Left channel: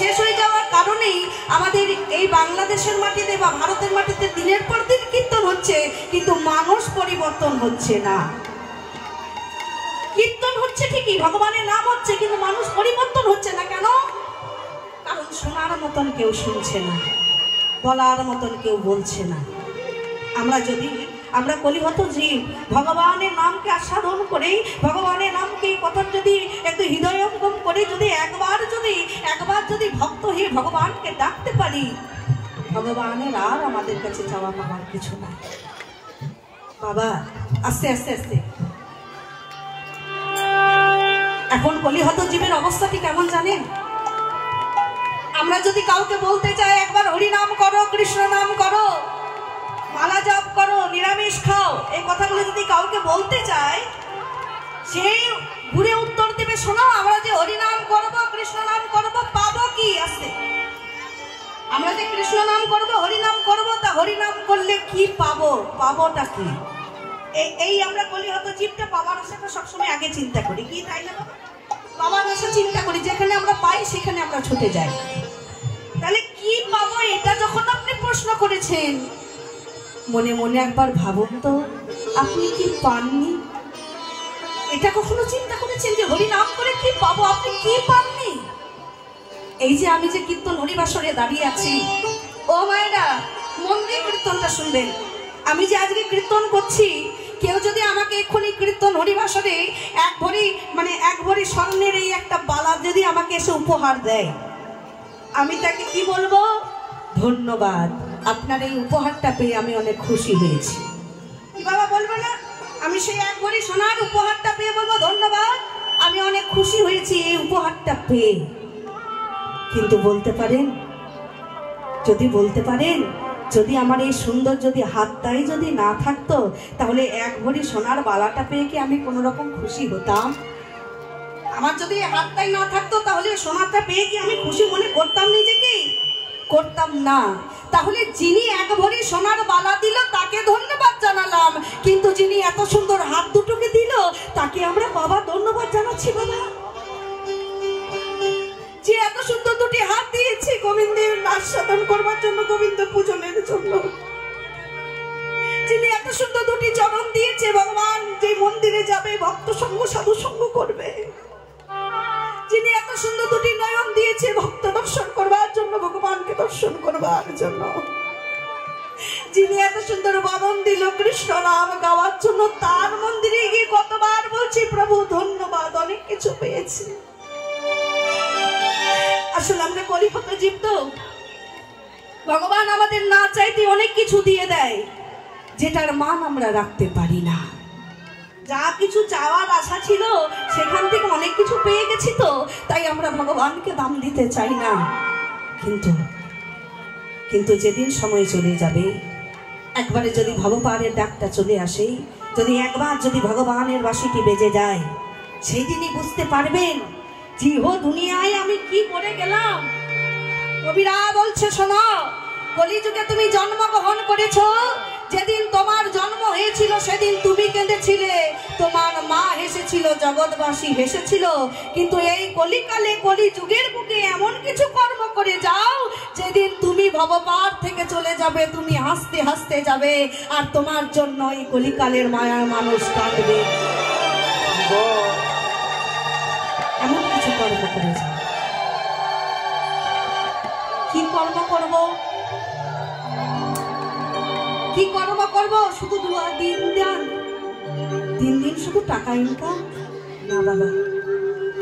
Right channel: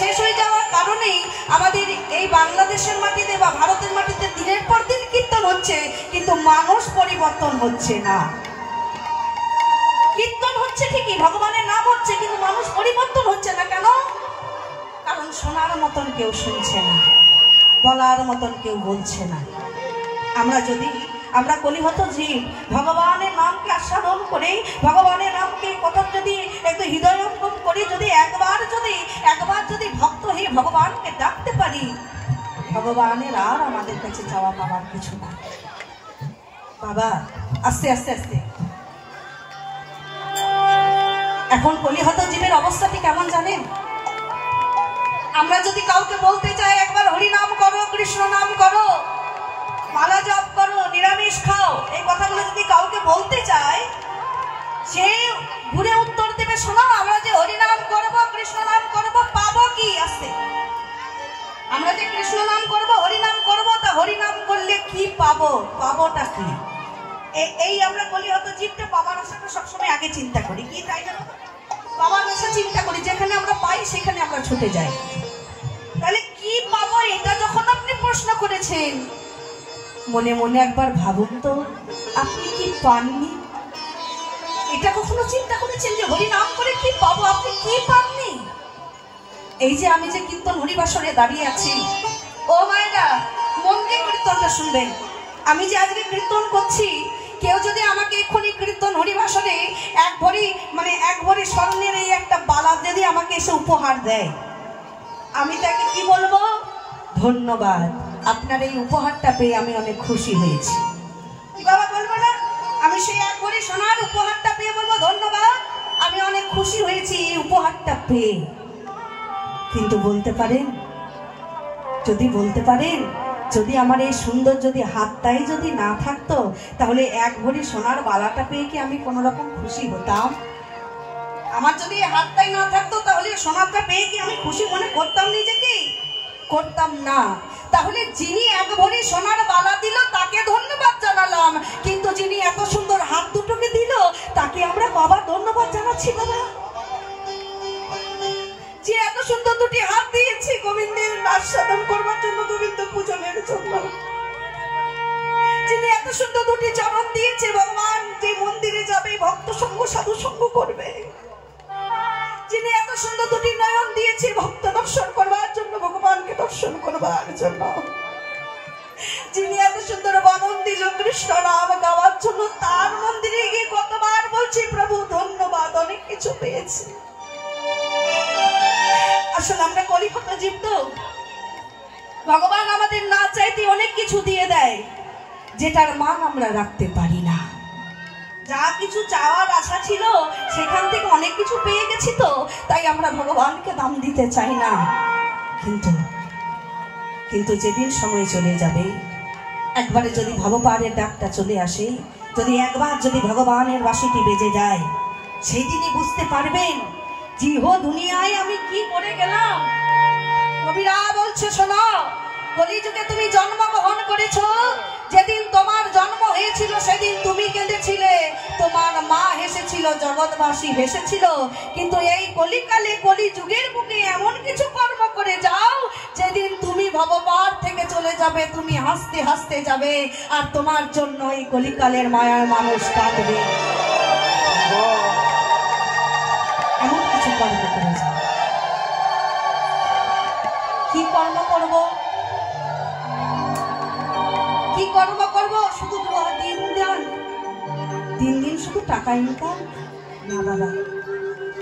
শেষ হয়ে যাওয়ার কারণেই আমাদের এই বাংলাদেশের মাটিতে বা ভারতের মাটিতে দিনের পর দিন কীর্তন হচ্ছে, কিন্তু মানুষ পরিবর্তন হচ্ছে না। কীর্তন হচ্ছে ঠিকই, ভগবানের নাম হচ্ছে, কিন্তু মানুষ পরিবর্তন হচ্ছে না। কেন? কারণ শোনার মতন কেউ শুনছে না, বলার মতন কেউ বলছে না। আমরা কলিহত জীব, ভগবানের নামকে আস্বাদন করে, ভগবানের নামকে কথা যদি একটু হৃদয়ঙ্গম করে, যদি একবার যদি ভক্ত হয়ে ভগবানকে ডাকতে পারি, ভগবানের আর আমাদের কাছে চাওয়া পাওয়ার কিছু না। বাবা আস্তে আস্তে আস্তে এখন কলিহত জীবের অবস্থাটি কেমন জানেন? আমরা যদি কাউকে বলতে চাই একবার হরি নাম করো, কৃষ্ণ নাম করো, মালা জপ করো, নিরামিষ খাও, এই কথাগুলো যদি কাউকে বলতে চাই, সে ঘুরে উত্তর দেবে, শোনো আমরা যে হরি নাম করবো, কৃষ্ণ নাম করবো, পাবো কি? আসতে আমরা যে কৃষ্ণ নাম করবো, হরি নাম করবো, তা হরি নাম করলে কি পাবো? পাবোটা কি? এই আমরা কলিহত জীবটা বাবার আশাকে সবসময় আগে চিন্তা করি, কি তাই না? বাবার আশা চিন্তা করি, যেখানে আমরা পাই সেখানে আমরা ছুটে যাই। তাহলে কি পাবো এটা যখন আপনি প্রশ্ন করেছেন, মনে মনে একবার ভাবুন তো, আপনি কি পাননি? এটা কখনো চিন্তা করেছেন যে হরি নাম করে কি পাবো? আপনি কি পাননি? এই যে আমি যে কীর্তন হরিবাসরে দাঁড়িয়ে আছি, ও মায়েরা মন দিয়ে কীর্তনটা শুনবেন। আমি যে আজকে কীর্তন করছি, কেউ যদি আমাকে এক্ষুনি কীর্তন হরিবাসরে এক ভরি স্বর্ণের এই একটা বালা যদি আমাকে এসে উপহার দেয়, আমি তাকে কি বলবো? ধন্যবাদ, আপনার এই উপহারটা পেয়ে আমি অনেক খুশি হয়েছি। কি বাবা বলবো না? আমি সেই এক ভরি সোনার উপহারটা পেয়ে বলবো ধন্যবাদ, আমি অনেক খুশি হয়েছি এই উপহারটা পেয়ে। কিন্তু বলতে পারেন, যদি আমার এই সুন্দর যদি হাতটাই যদি না থাকতো, তাহলে এক ভরি সোনার বালাটা পেয়ে কি আমি কোনো রকম খুশি হতাম? আমার যদি হাতটাই না থাকতো, তাহলে সোনাটা পেয়ে কি আমি খুশি মনে করতাম নিজেকে? করতাম না। তাহলে যিনি এক ভরি সোনার বালা দিল তাকে ধন্যবাদ জানালাম, কিন্তু যিনি এত সুন্দর হাত দুটোকে দিল তাকে আমরা বাবা ধন্যবাদ জানাচ্ছি। বাবা যে এত সুন্দর দুটি হাত দিয়েছে গোবিন্দের আস্বাদন করবার জন্য, গোবিন্দ পূজনের জন্য, যিনি এত সুন্দর দুটি চরণ দিয়েছে, ভগবান যে মন্দিরে যাবে ভক্ত সঙ্গ সাধু সঙ্গ করবে, যিনি এত সুন্দর দুটি নয়ন দিয়েছে ভক্ত দর্শন করবার জন্য, ভগবানকে দর্শন করবার জন্য, যিনি এত সুন্দর বদন দিল কৃষ্ণ নাম গাওয়ার জন্য, তার মন্দিরে গিয়ে কতবার বলছি প্রভু ধন্যবাদ, অনেক কিছু পেয়েছি। আসলে আমরা কলিহত জীব তো, ভগবান আমাদের না চাইতে অনেক কিছু দিয়ে দেয়, যেটার মান আমরা রাখতে পারি না। যা কিছু চাওয়ার আশা ছিল সেখান থেকে অনেক কিছু পেয়ে গেছি, তো তাই আমরা ভগবানকে দাম দিতে চাই না। কিন্তু যেদিন সময় চলে যাবে, একবারে যদি ভগবানের ডাকটা চলে আসে, যদি একবার যদি ভগবানের বাঁশিটি বেজে যায়, সেই দিনই বুঝতে পারবেন যে হো দুনিয়ায় আমি কি করে গেলাম। কবিরা বলছে, শোনো, কলিযুগে তুমি জন্মগ্রহণ করেছো, যেদিন তোমার জন্ম হয়েছিল সেদিন তুমি কেঁদেছিলে, তোমার মা হেসেছিল, জগৎবাসী হেসেছিল, কিন্তু এই কলিকালে কলিযুগের বুকে এমন কিছু কর্ম করে যাও, যেদিন তুমি ভগবান থেকে চলে যাবে তুমি হাসতে হাসতে যাবে, আর তোমার জন্য এই কলিকালের মায়ার মানুষ কাঁদবে। এমন কিছু কর্ম করে যাও। কি কর্ম করবো? কি কর্ম করবো? শুধু দিন শুধু টাকা ইনকাম না বাবা,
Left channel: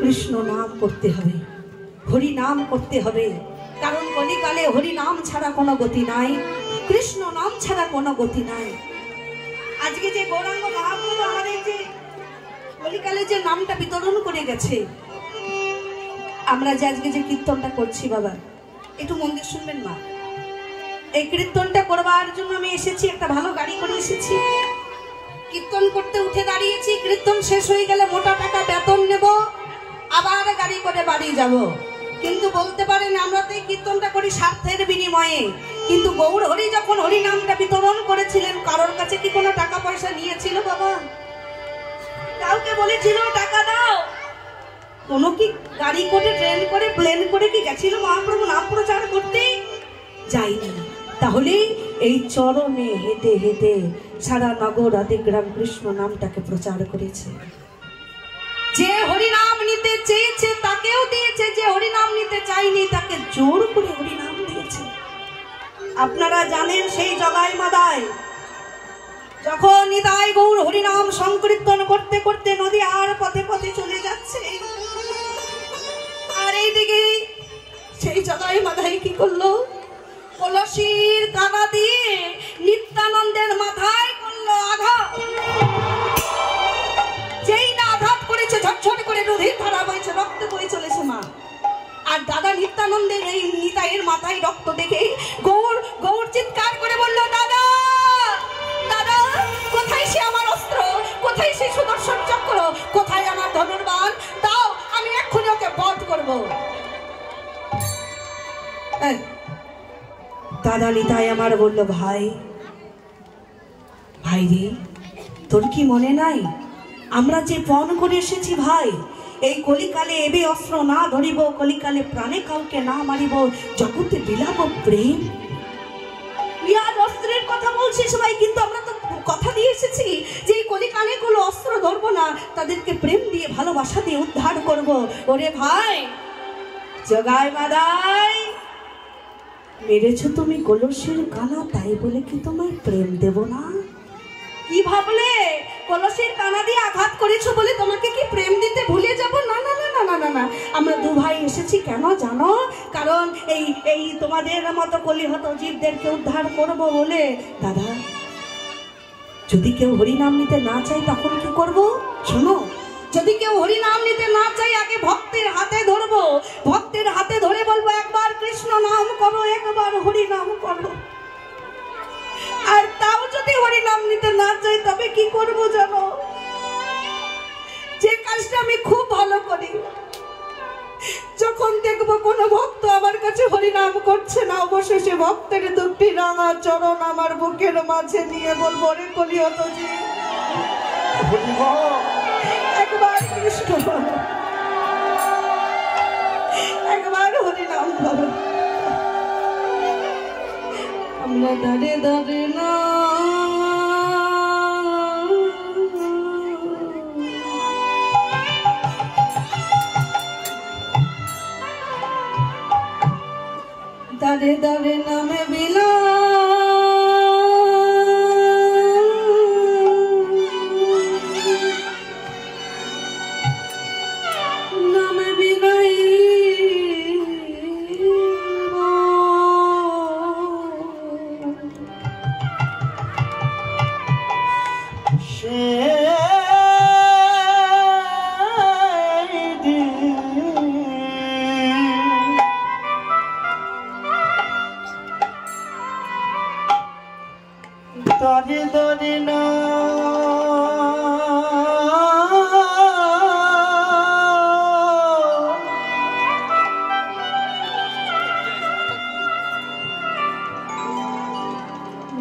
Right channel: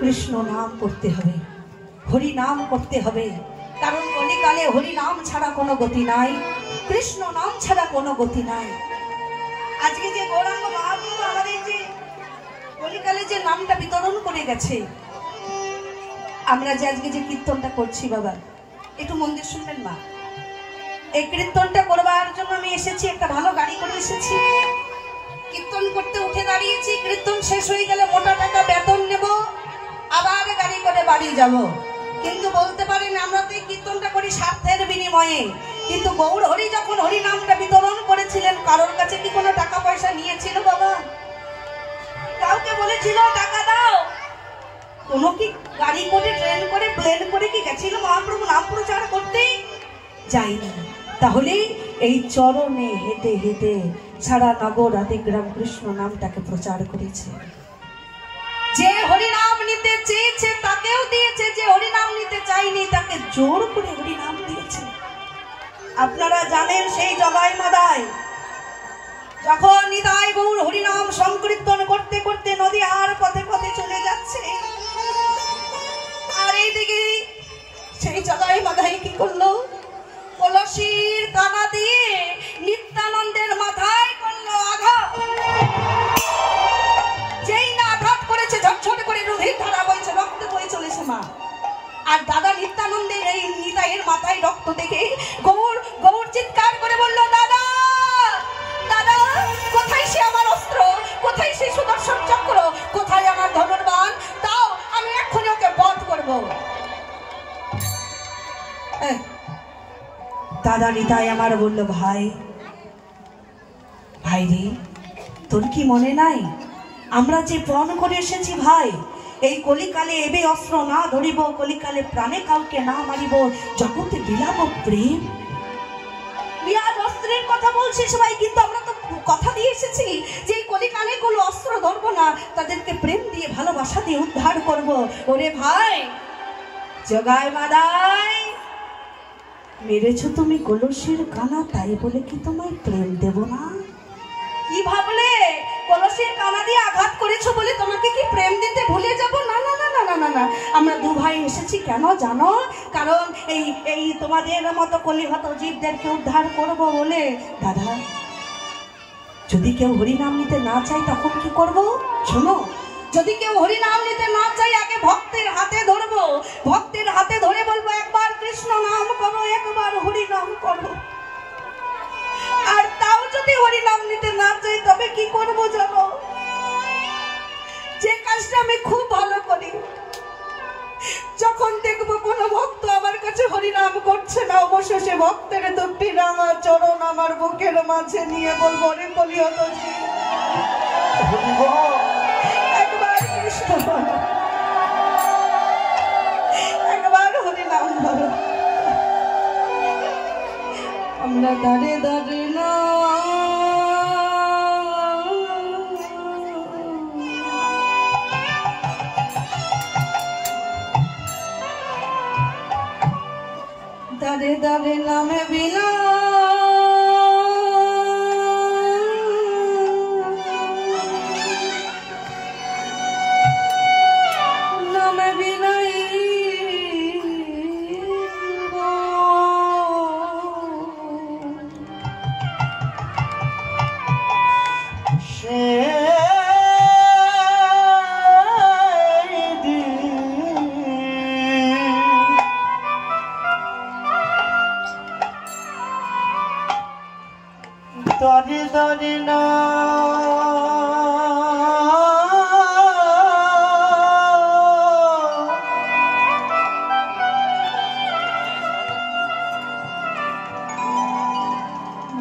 কৃষ্ণ নাম করতে হবে, হরি নাম করতে হবে। কারণ কলিকালে হরি নাম ছাড়া কোনো গতি নাই, কৃষ্ণ নাম ছাড়া কোনো গতি নাই। আজকে যে গৌরাঙ্গ মহাপ্রভু আমাদের যে কলিকালে যে নামটা বিতরণ করে গেছে, আমরা যে আজকে যে কীর্তনটা করছি, বাবা একটু মন দিয়ে শুনবেন মা। এই কীর্তনটা করবার জন্য আমি এসেছি, একটা ভালো গাড়ি করে এসেছি, কীর্তন করতে উঠে দাঁড়িয়েছি। কীর্তন শেষ হয়ে গেলে মোটা টাকা বেতন নেব, আবার গাড়ি করে বাড়ি যাব। কিন্তু বলতে পারেন আমরা তো এই কীর্তনটা করি স্বার্থের বিনিময়ে, কিন্তু গৌর হরি যখন হরি নামটা বিতরণ করেছিলেন, কারোর কাছে কি কোনো টাকা পয়সা নিয়েছিল বাবা? কাউকে বলেছিল টাকা দাও? কোনো কি গাড়ি করে, ট্রেন করে, প্লেন করে কি গেছিল মহাপ্রভু নাম প্রচার করতে? যাইনি। তাহলে এই চরণে হেঁটে হেঁটে সারা নগর আদি গ্রাম কৃষ্ণ নামটাকে প্রচার করেছে। যে হরিনাম নিতে চেয়েছে তাকেও দিয়েছে, যে হরিনাম নিতে চাইনি তাকে জোর করে হরিনাম দিয়েছে। আপনারা জানেন সেই জগাই মাদায় যখন নিতাই গৌর হরিনাম সংকীর্তন করতে করতে নদী আর পথে পথে চলে যাচ্ছে, আর এইদিকে সেই জগাই মাদায় কি করলো? কলসির কানা দিয়ে নিত্যানন্দের মাথায় করলো আঘাত। যেই না আঘাত করেছে ঝটঝট করে নদীর ধারা বইছে, রক্ত বয়ে চলেছে মা। আর দাদা নিত্যানন্দের এই নিতাইয়ের মাথায় রক্ত দেখে গৌর গৌর চিৎকার করে বলল, দাদা দাদা, কোথায় সে আমার অস্ত্র, কোথায় সে সুদর্শন চক্র, কোথায় আমার ধনুর্বাণ, দাও আমি এক্ষুনি ওকে বধ করবো। দাদা নিতাই আমার বলল, ভাই ভাই রে, তোর কি মনে নাই আমরা যে পণ করে এসেছি ভাই, এই কলিকালে এবে অস্ত্র না ধরিব, কলিকালে প্রাণে কাউকে না মারিব, জগতে বিলাপ প্রেম। বিরাট অস্ত্রের কথা বলছে সবাই, কিন্তু আমরা তো কথা দিয়ে এসেছি যে এই কলিকালে কোনো অস্ত্র ধরবো না, তাদেরকে প্রেম দিয়ে ভালোবাসা দিয়ে উদ্ধার করব। ওরে ভাই জগাই মাদাই, মেরেছো তুমি কলসির কানা, তাই বলে কি তোমায় প্রেম দেব না? কি ভাবলে কলসির কানা দিয়ে আঘাত করেছো বলে তোমাকে কি প্রেম দিতে ভুলে যাব? না না না না না না, আমরা দু ভাই এসেছি কেন জানো? কারণ এই এই তোমাদের মতো কলিহত জীবদেরকে উদ্ধার করব বলে। দাদা, যদি কেউ হরিনাম নিতে না চায় তখন কি করব? শোনো, যদি কেউ হরিনাম নিতে না চায় আগে ভক্তের হাতে ধরবো, ভক্তের হাতে ধরে বলবো একবার কৃষ্ণ নাম করো, একবার হরি নাম করো। আর তাও যদি হরিনাম নিতে না চাই তবে কি করব জানো? যে কাজটা আমি খুব ভালো করি, যখন দেখবো কোনো ভক্ত আমার কাছে হরিনাম করছে না, অবশেষে ভক্তের দুটি রাঙা চরণ আমার বুকের মাঝে নিয়ে বলবো, রে কলিহত জীব, একবার কৃষ্ণ বলো, একবার হরিনাম বলো। আমরা দাঁড়ে দাঁড়ে না দাঁড়ে দাঁড়ে নামে বিনা, দাঁড়ে দাঁড়ে না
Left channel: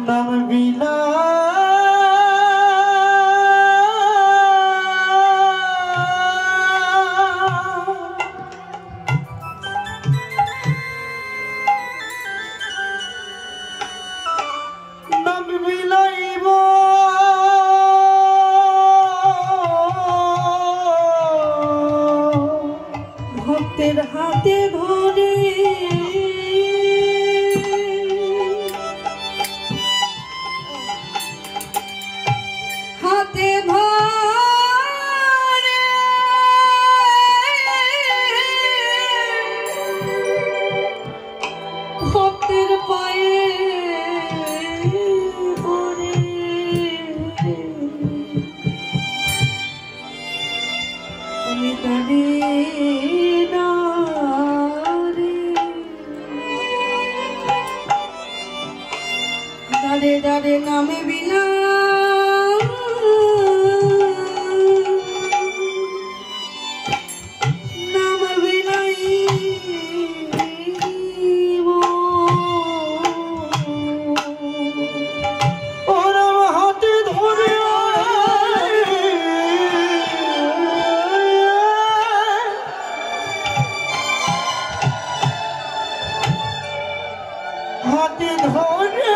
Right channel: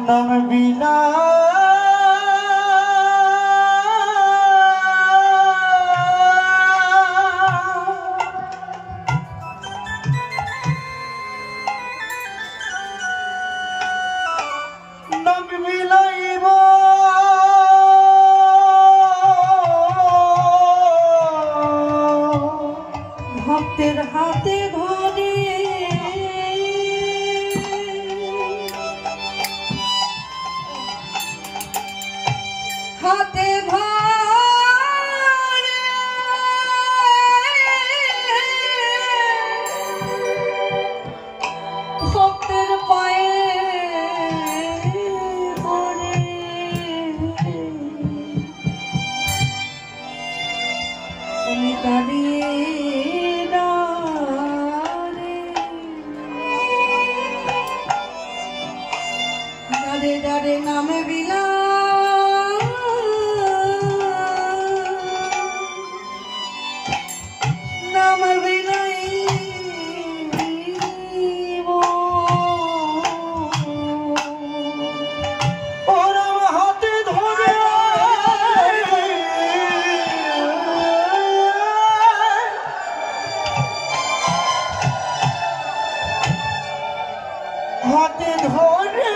নাম বিনা, ভক্তের হাতে ধরে হাতে ধরে ভক্তের পায়ে পড়ে আমি দাঁড়িয়ে দাঁড়ে দাঁড়ে নামে বিনা, নামে বিনাই ওরম হাতে ধরে হাতে ধরে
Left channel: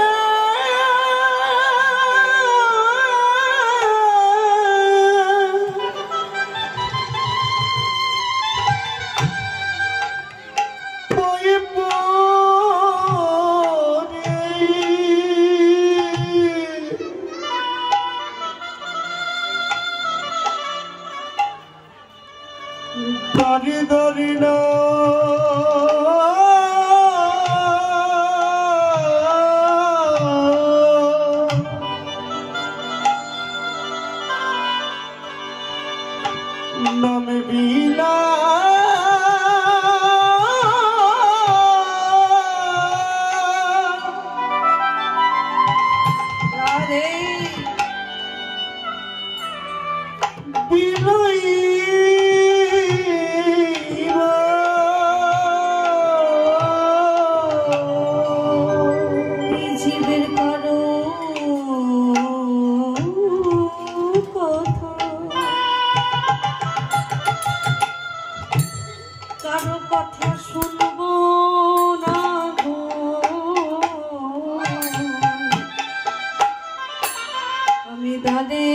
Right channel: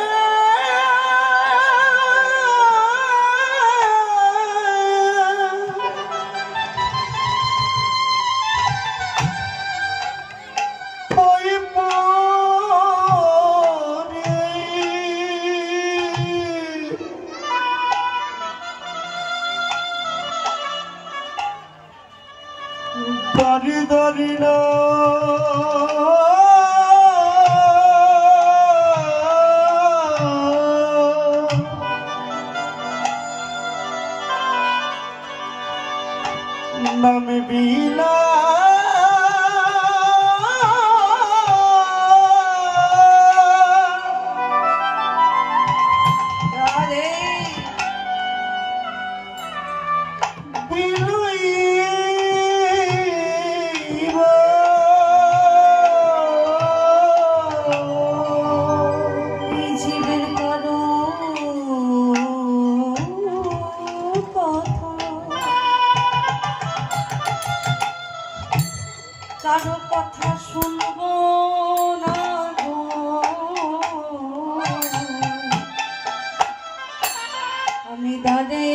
দারি দারি না নাম বিনা আরে জীবের করো কারো কথা শুনবো না গো, আমি দাঁড়ে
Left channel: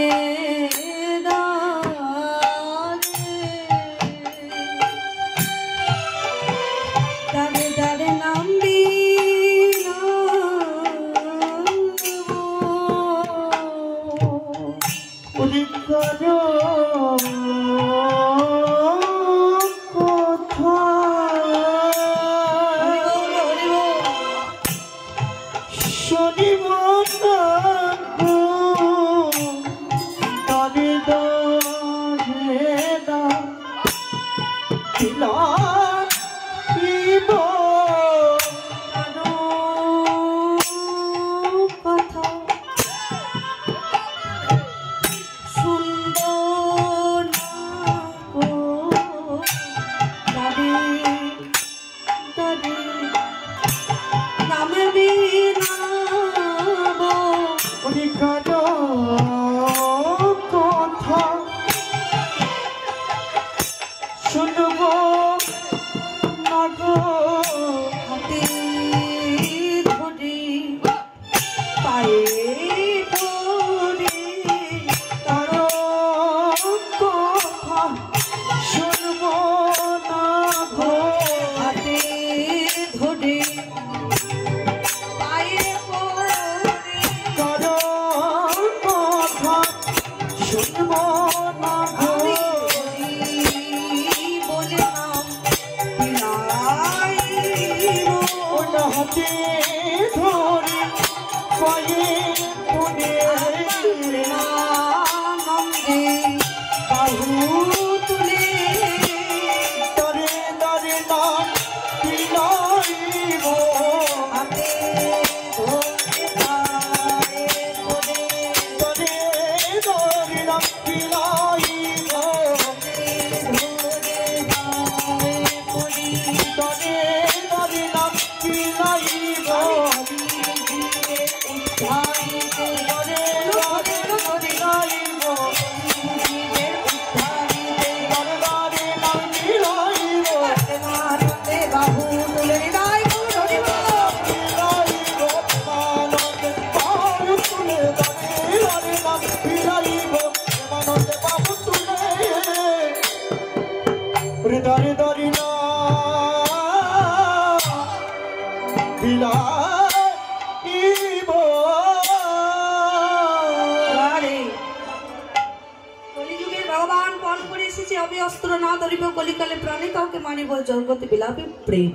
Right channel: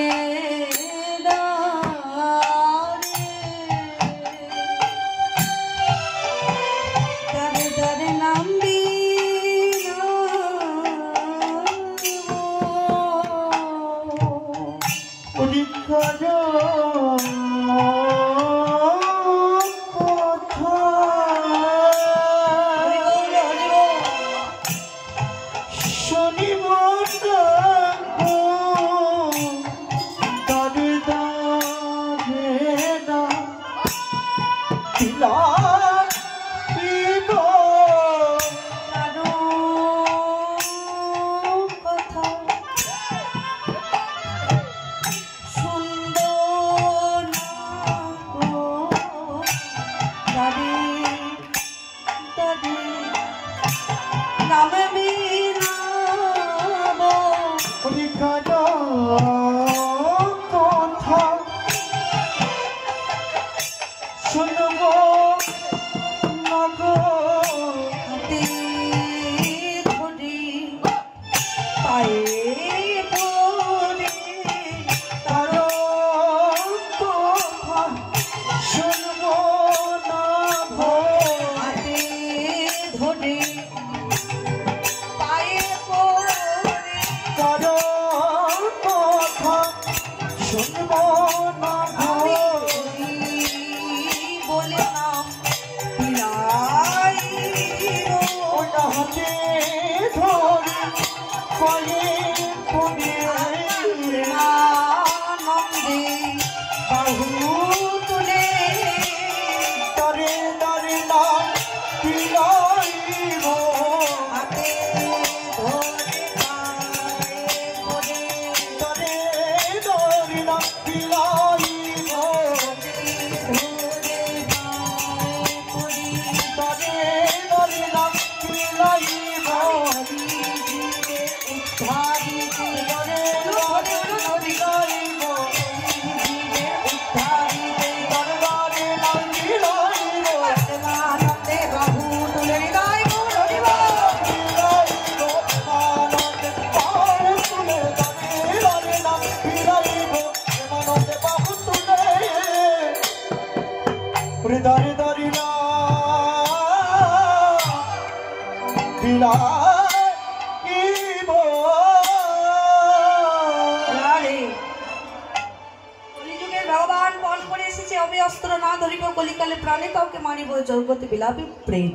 দাঁড়ে দাঁড়ে নামবি কলিকালে প্রাণে কাউকে মানিব জগতে বিলাপে প্রেম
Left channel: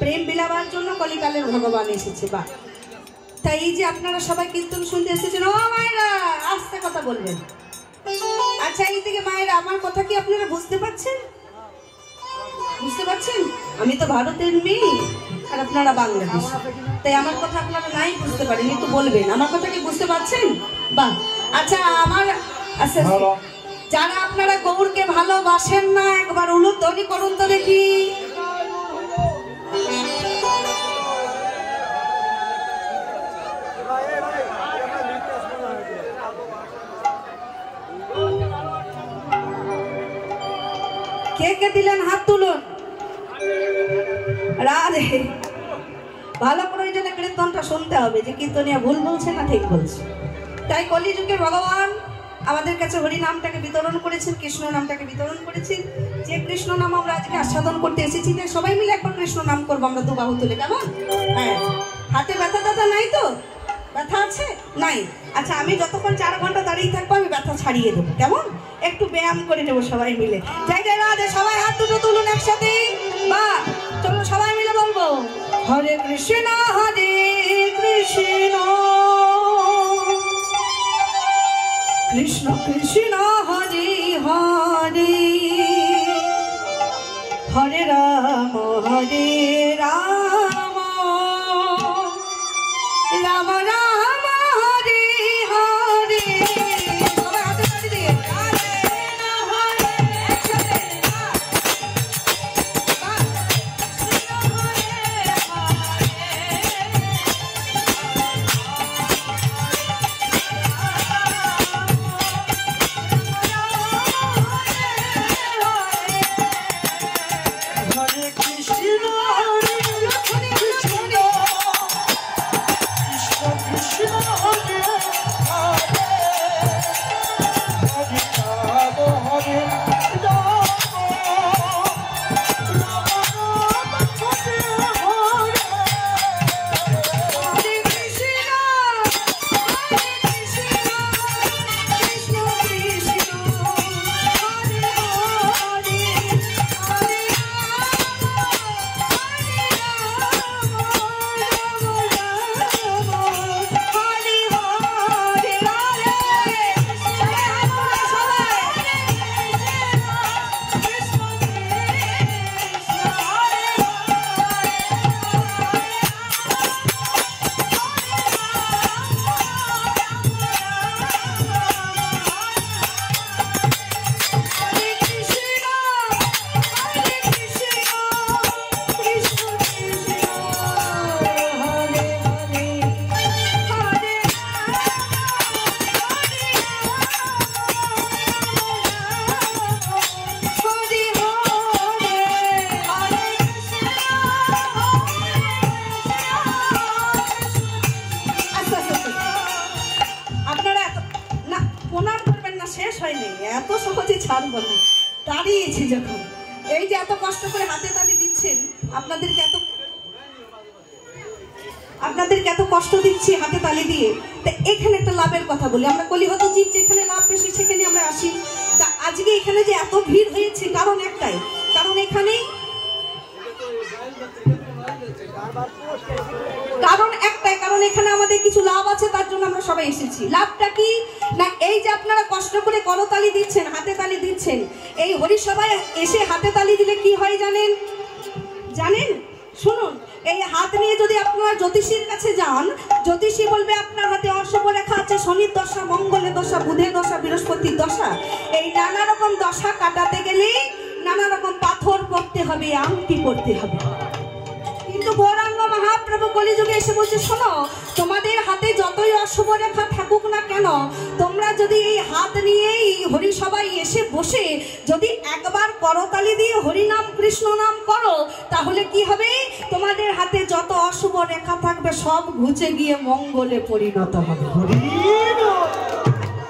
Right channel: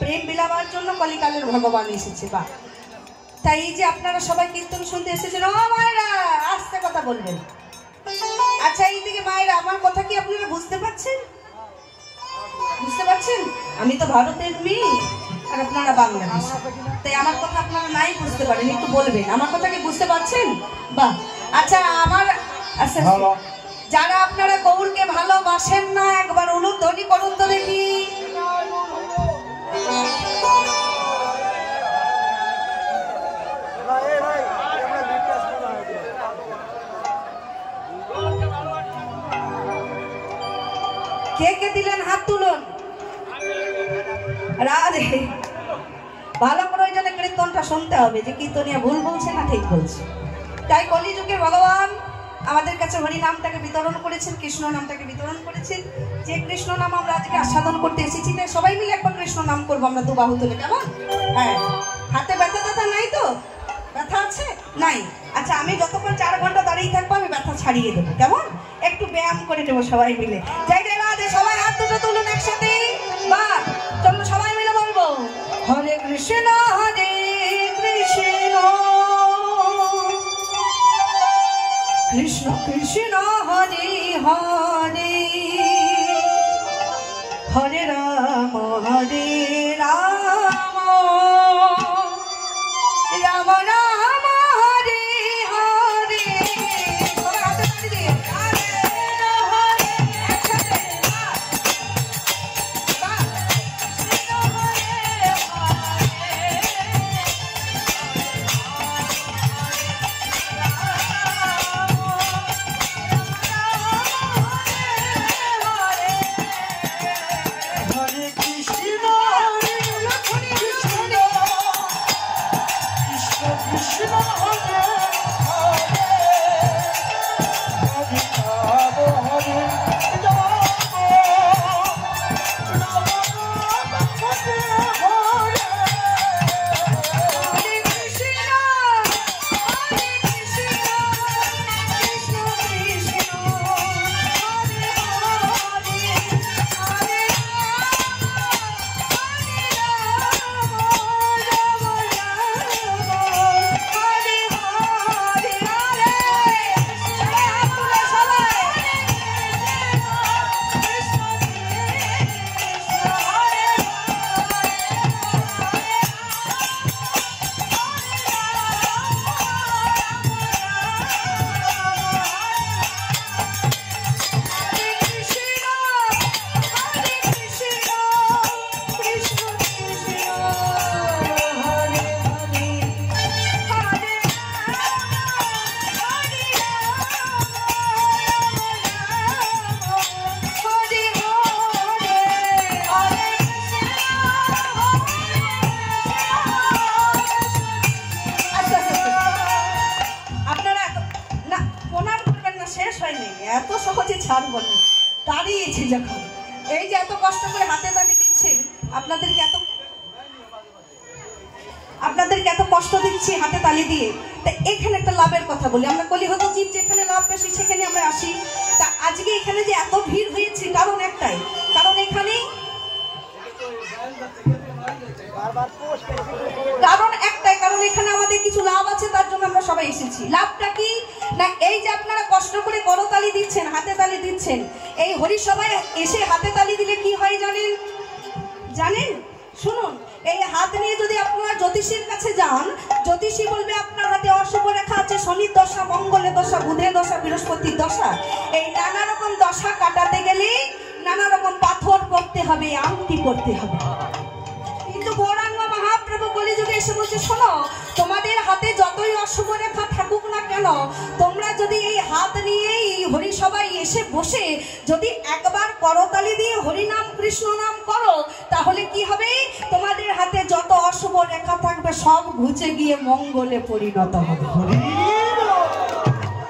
প্রেম বিলাবার জন্য কলিকালের ভগবান এসেছে। বা তাই এই যে আপনারা সবাই কীর্তন শুনতে এসেছেন, ও মায়েরা আস্তে কথা বলবেন। আচ্ছা এই থেকে মায়েরা আমার কথা কি আপনারা বুঝতে পারছেন? বুঝতে পারছেন? আমি তো ভারতের মেয়ে আর আপনারা বাংলাদেশ, তাই আমার কথা আপনারা নাই বুঝতে পারেন, একটু বলবেন আমার কথা কি বুঝতে পারছেন? বাহ। আচ্ছা আমার আচ্ছা যারা আপনারা গৌরকে ভালোবাসেন না একবার উলুধ্বনি করুন তো দেখি। কে কে দিলেন হাত তুলুন। রাধে ভালো প্রয়োজনে কীর্তনটা শুনতে হবে যে কীর্তনিয়া ভুল বলছে না ঠিক বলছে। তাই কলিযুগে ভগবান আমাদের কাছে হরি নামটাকে বিতরণ করেছেন, কৃষ্ণ নামটাকে বিতরণ করেছেন। যে কৃষ্ণ নাম আমরা আজকে আস্বাদন করতে এসেছি, তাই সবাই মিলে একবার কৃষ্ণ নাম করবো আমরা, দু বাহু তুলে, কেমন? হ্যাঁ, হাতে ব্যথা ব্যথা নাই তো? ব্যথা আছে? নাই? আচ্ছা, আমি যতক্ষণ 4 ঘন্টা দাঁড়িয়ে থাকবো আমি ব্যথা ছাড়িয়ে দেবো, কেমন? একটু ব্যায়াম করে নেবো সবাই মিলে। জয় জয় রাধে, সবাই হাত দুটো তুলুন একসাথে। বা চলো সবাই মিলে বলবো হরে কৃষ্ণ হরে কৃষ্ণ কৃষ্ণ কৃষ্ণ হরে হরে হরে রাম হরে রাম রাম রাম হরে হরে। সবাই হাতে তালি দিয়ে হরে হরে একসাথে। এত সহজে ছাড়বো না, দাঁড়িয়েছি যখন। এই যে এত কষ্ট করে হাতে তালি দিচ্ছেন, আপনাদেরকে এত কষ্ট দিচ্ছি হাতে তালি দিয়ে। তা এখানে একটা লাভের কথা বলি, আমরা কলিহত জীব, যেখানে লাভ বেশি সেখানে আমরা আসি। তা আজকে এখানে যে এত ভিড় হয়েছে কারণ একটাই, কারণ এখানেই কারণ এখানে আমাদের কিছু লাভ আছে, তার জন্য আমরা সবাই এসেছি। লাভটা কি না, এই যে আপনারা কষ্ট করে করতালি দিচ্ছেন, হাতে তালি দিচ্ছেন, এই হরিসভায় এসে হাতে তালি দিলে কি হয় জানেন? শুনুন, এই হাত নিয়ে যদি আপনারা জ্যোতিষীর কাছে যান, জ্যোতিষী বলবে আপনার হাতে অশুভ রেখা আছে, শনির দশা, মঙ্গলের দশা, বুধের দশা, বৃহস্পতির দশা। এই নানা রকম দশা কাটাতে গেলে নানা রকম পাথর পড়তে হবে, আংটি পড়তে হবে। কিন্তু গৌরাঙ্গ মহাপ্রভু কলিযুগে এসে বলছে, শোনো, তোমাদের হাতে যতই অশুভ রেখা থাকুক না কেন, তোমরা যদি এই হাত নিয়েই হরিসভায় এসে বসে যদি একবার করতালি দিয়ে হরিনাম কৃষ্ণ নাম করো, তাহলে কি হবে? তোমাদের হাতে যত অশুভ রেখা থাকবে সব ঘুচে গিয়ে মঙ্গলে পরিণত হবে।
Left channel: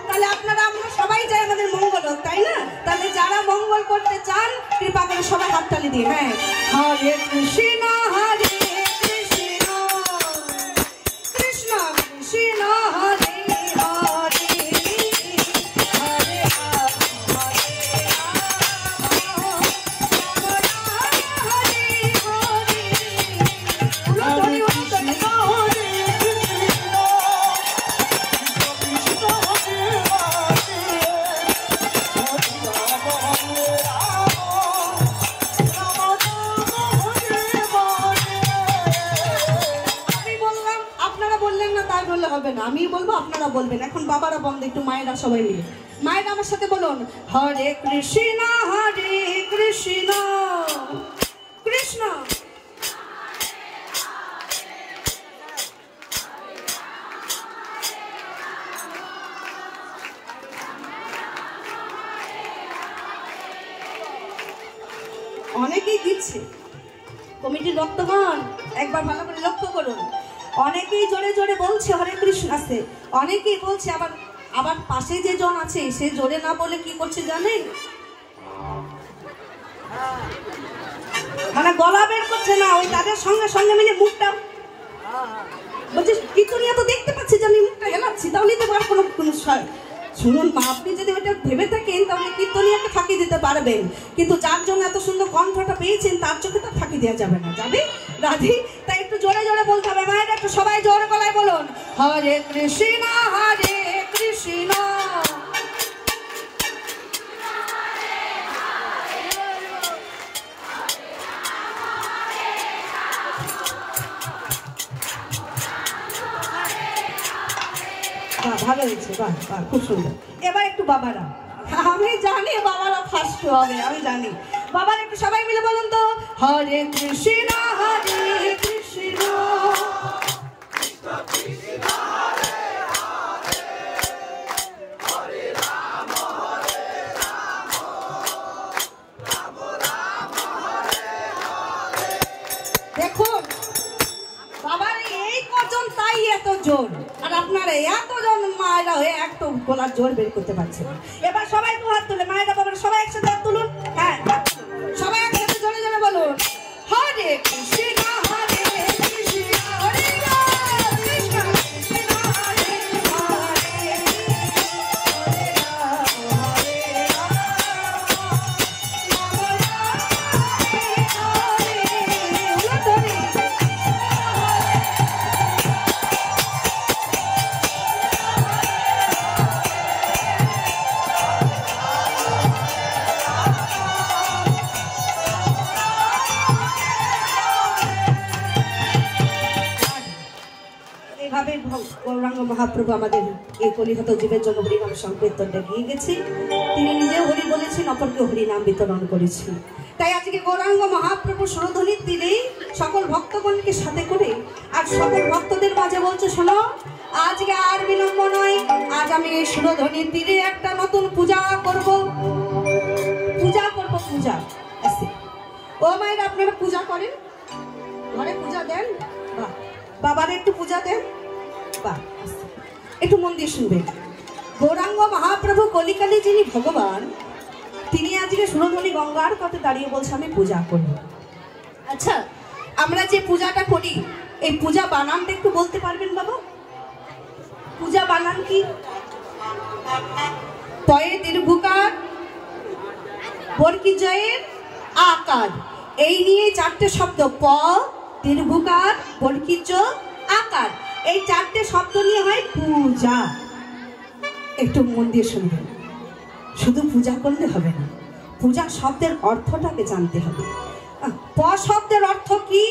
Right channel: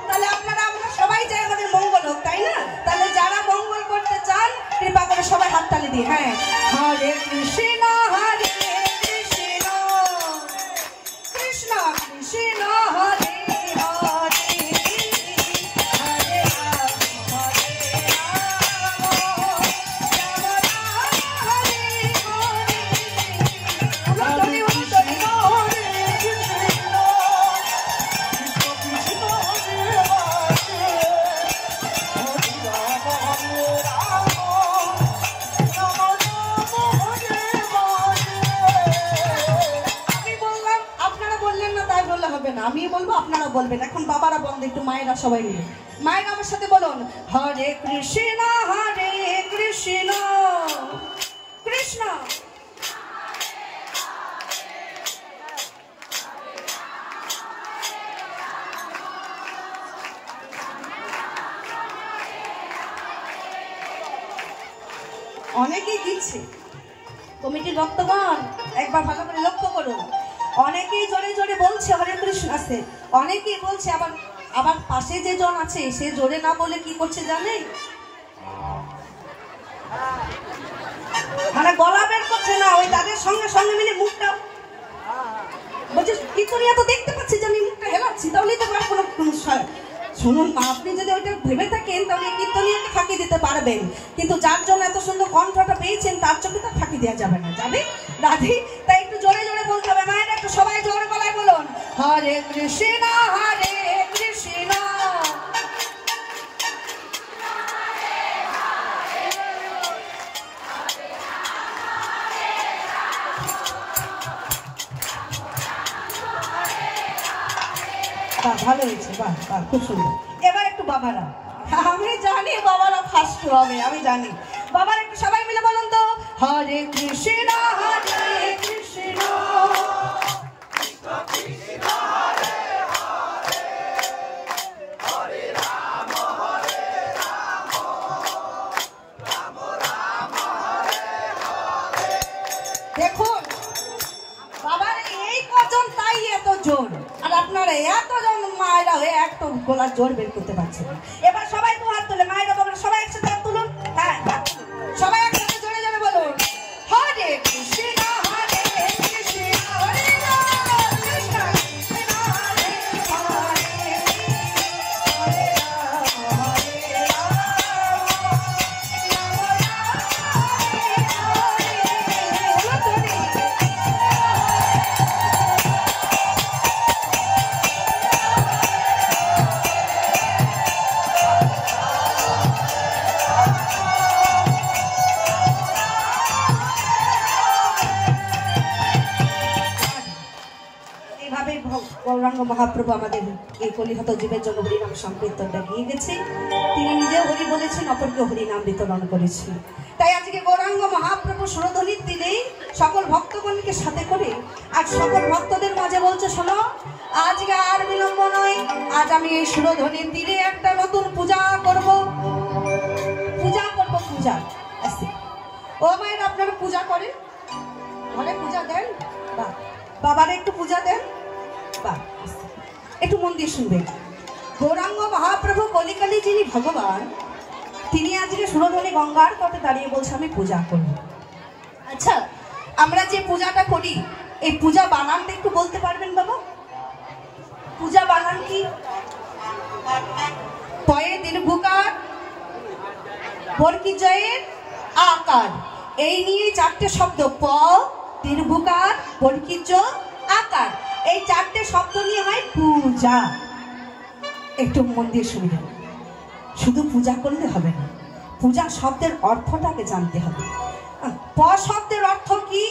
তাহলে আমরা সবাই চাই আমাদের মঙ্গল হোক, তাই না? তাহলে যারা মঙ্গল করতে চান কৃপা করে সবাই হাততালি দিয়ে, হ্যাঁ, হরে কৃষ্ণ হরে কৃষ্ণ কৃষ্ণ কৃষ্ণ হরে হরে হরে রাম আমি বলবো, আপনারা বলবেন। এখন বাবারা বন্ধ, একটু মায়েরা সবাই মিলে, মায়েরা আমার সাথে বলুন, হরে কৃষ্ণ কৃষ্ণ কৃষ্ণ। অনেকেই দিচ্ছে, কমিটির ভক্তগণ একবার ভালো করে লক্ষ্য করুন। আছে, অনেকেই বলছে, আবার আবার পাশে যে জন আছে সে জোরে না বলে কি করছে জানেন, আরে গলা বের করছে না, ওই তাদের সঙ্গে সঙ্গে মিলে মুখটা বলছে কীর্তনিয়া তো দেখতে পাচ্ছি যে আমি মুখটা হেলাচ্ছি, তাহলেই তো আমার কোনো শুনুন মা, আপনি যদি ওইটা ভেবে থাকেন তাহলে কীর্তনিয়াকে ফাঁকি দিতে পারবেন, কিন্তু যার জন্য এত সুন্দর কণ্ঠটা পেয়েছেন তার চোখে তো ফাঁকি দেওয়া যাবে না, যাবে রাধি? তাই একটু জোরে জোরে বলতে হবে, মায়েরা একটু সবাই জোরে গলায় বলুন, হরে কৃষ্ণ হরে কৃষ্ণ ভালো হয়েছে, বাহ বাহ, খুব সুন্দর। এবার একটু বাবারা, আমি জানি বাবারা ফার্স্ট হবে, আমি জানি, বাবারা একটু সবাই মিলে বলুন তো, হরে কৃষ্ণ হরে কৃষ্ণ দেখুন বাবার এই কজন তাই এত জোর, আর আপনারা এতজন মায়েরা হয়ে একটা গলার জোর বের করতে পারছেন না। এবার সবাই তো হাত তুলে, মায়েরা বাবার সবাই একসাথে হাত তুলুন, হ্যাঁ সবাই একসাথে জোরে জোরে বলুন, হরে কৃষ্ণ হরে কৃষ্ণ হরে কৃষ্ণ কৃষ্ণ হরে হরে হরে রাম হরে এইভাবে গৌরাঙ্গ মহাপ্রভু আমাদের এই কলিহত জীবের জন্য হরিনাম সংকীর্তনটা গিয়ে গেছে, তিনি নিজেও হরি বলেছেন, অপরকে হরিনাম বিতরণ করেছেন। তাই আজকে গৌরাঙ্গ মহাপ্রভু সুরধ্বনির দিলেই সকল ভক্তগণকে সাথে করে আর সকল ভক্তদের মাঝে বলছে, শোনো আজকে আর বিলম্ব নয়, আজ আমি এই সুরধ্বনির তীরে একটা নতুন পূজা করব, পূজা আছে। ও মায়ের আপনারা পূজা করেন, ঘরে পূজা দেন, বাহ, বাবার একটু পূজা দেন, বাহ, একটু মন দিয়ে শুনবেন। গৌরাঙ্গ মহাপ্রভু কলিকালে যিনি ভগবান, তিনি আজকে সুরধ্বনি গঙ্গার তটে দাঁড়িয়ে বলছে আমি পূজা করব। আচ্ছা, আমরা যে পূজাটা করি এই পূজা বানানটা একটু বলতে পারবেন বাবা? পূজা বানান কি? পয়ে দীর্ঘকার, বরকি জয়ের আকার, এই নিয়ে চারটে শব্দ, প দীর্ঘকার বরকি জ আকার, এই চারটে শব্দ নিয়ে হয় পূজা। একটু মন দিয়ে শুনবেন, শুধু পূজা করলে হবে না, পূজা শব্দের অর্থটাকে জানতে হবে। প শব্দের অর্থ কি?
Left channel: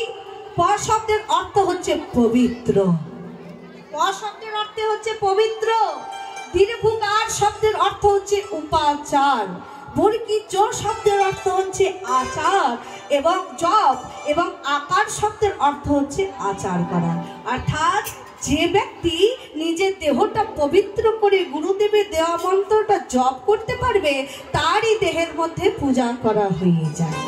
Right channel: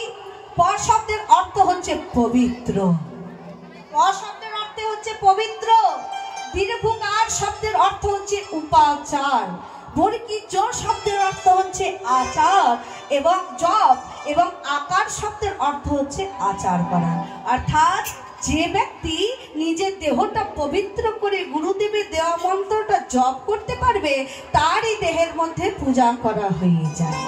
প শব্দের অর্থ হচ্ছে পবিত্র, প শব্দের অর্থ হচ্ছে পবিত্র। দীর্ঘকার শব্দের অর্থ হচ্ছে উপাচার, বরকি জোর শব্দের অর্থ হচ্ছে আচার এবং জপ, এবং আকার শব্দের অর্থ হচ্ছে আচার করা। অর্থাৎ যে ব্যক্তি নিজের দেহটা পবিত্র করে গুরুদেবের দেওয়া মন্ত্রটা জপ করতে পারবে, তারই দেহের মধ্যে পূজা করা হয়ে যায়।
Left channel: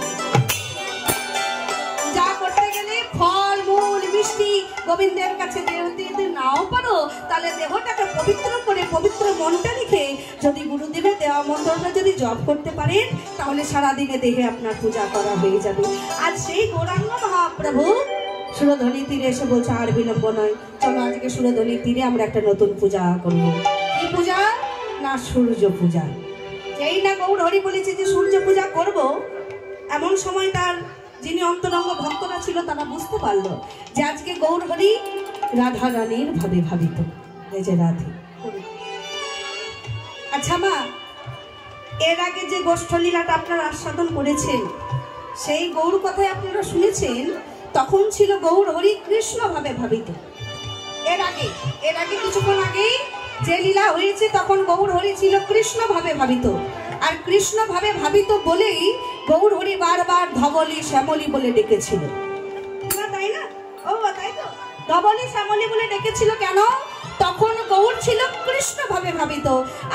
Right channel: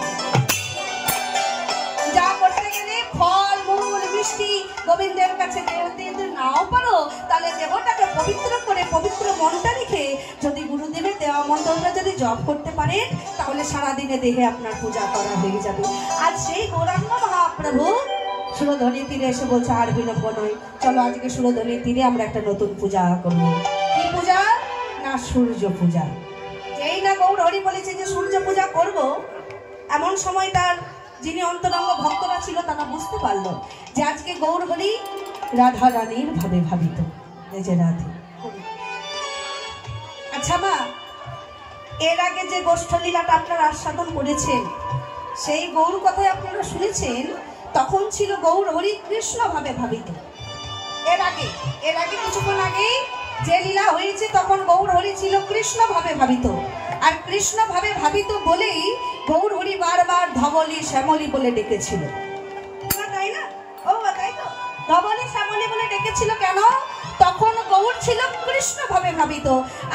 পূজা করতে গেলে ফল মূল মিষ্টি গোবিন্দের কাছে দিতে নাও পারো, তাহলে দেহটাকে পবিত্র করে পবিত্র মনটা রেখে যদি গুরুদেবের দেওয়া মন্ত্রটা যদি জপ করতে পারেন, তাহলে সারাদিনে দেহে আপনার পূজা করা হয়ে যাবে। আর সেই গৌরাঙ্গ মহাপ্রভু সুরধ্বনির তীরে এসে বলছে আর বিলম্ব নয়, চলো আজকে সুরধ্বনির তীরে আমরা একটা নতুন পূজা করব। কি পূজা? না সূর্য পূজা। যেই না গৌর হরি বলেছে যে সূর্য পূজা করব, এমন সময় তার যিনি অন্তরঙ্গ ভক্তরা ছিল তারা বুঝতে পারলো যে আজকে গৌর হরি রাধা রানীর ভাবে ভাবিত, যে রাধে। আচ্ছা মা, এর আগে যে গোষ্ঠলীলাটা আপনারা আস্বাদন করেছেন, সেই গৌর কথাই আপনারা শুনেছেন, তখন ছিল গৌর হরি কৃষ্ণ ভাবে ভাবিত। এর আগে কিছুক্ষণ আগে যে লীলা হয়েছে তখন গৌর হরি ছিল কৃষ্ণ ভাবে ভাবিত, আর কৃষ্ণ ভাবে ভাবিত বলেই গৌর হরি বারবার ধবলি শ্যামলী বলে ডেকেছিল, তাই না? ও তাই তো, ধবলি শ্যামলী বলে ডেকেছিল কেন? তখন গৌর ছিল কৃষ্ণ ভাবে ভাবিত,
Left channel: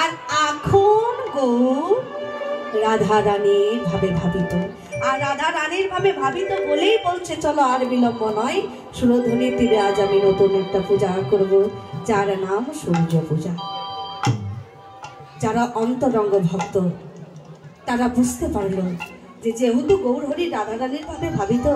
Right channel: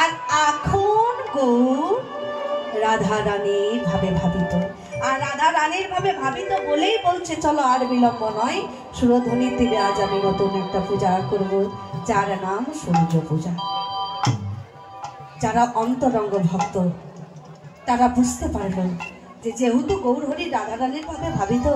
আর এখন গৌর রাধা রানীর ভাবে ভাবিত। আর রাধা রানীর ভাবে ভাবিত বলেই বলছে চলো আর বিলম্ব নয়, সুরধ্বনির তীরে আজ আমি নতুন একটা পূজা করব। যার নাম সূর্য পূজা। যারা অন্তরঙ্গ ভক্ত তারা বুঝতে পারলো যে যেহেতু গৌরহরি রাধারানীর ভাবে ভাবিত,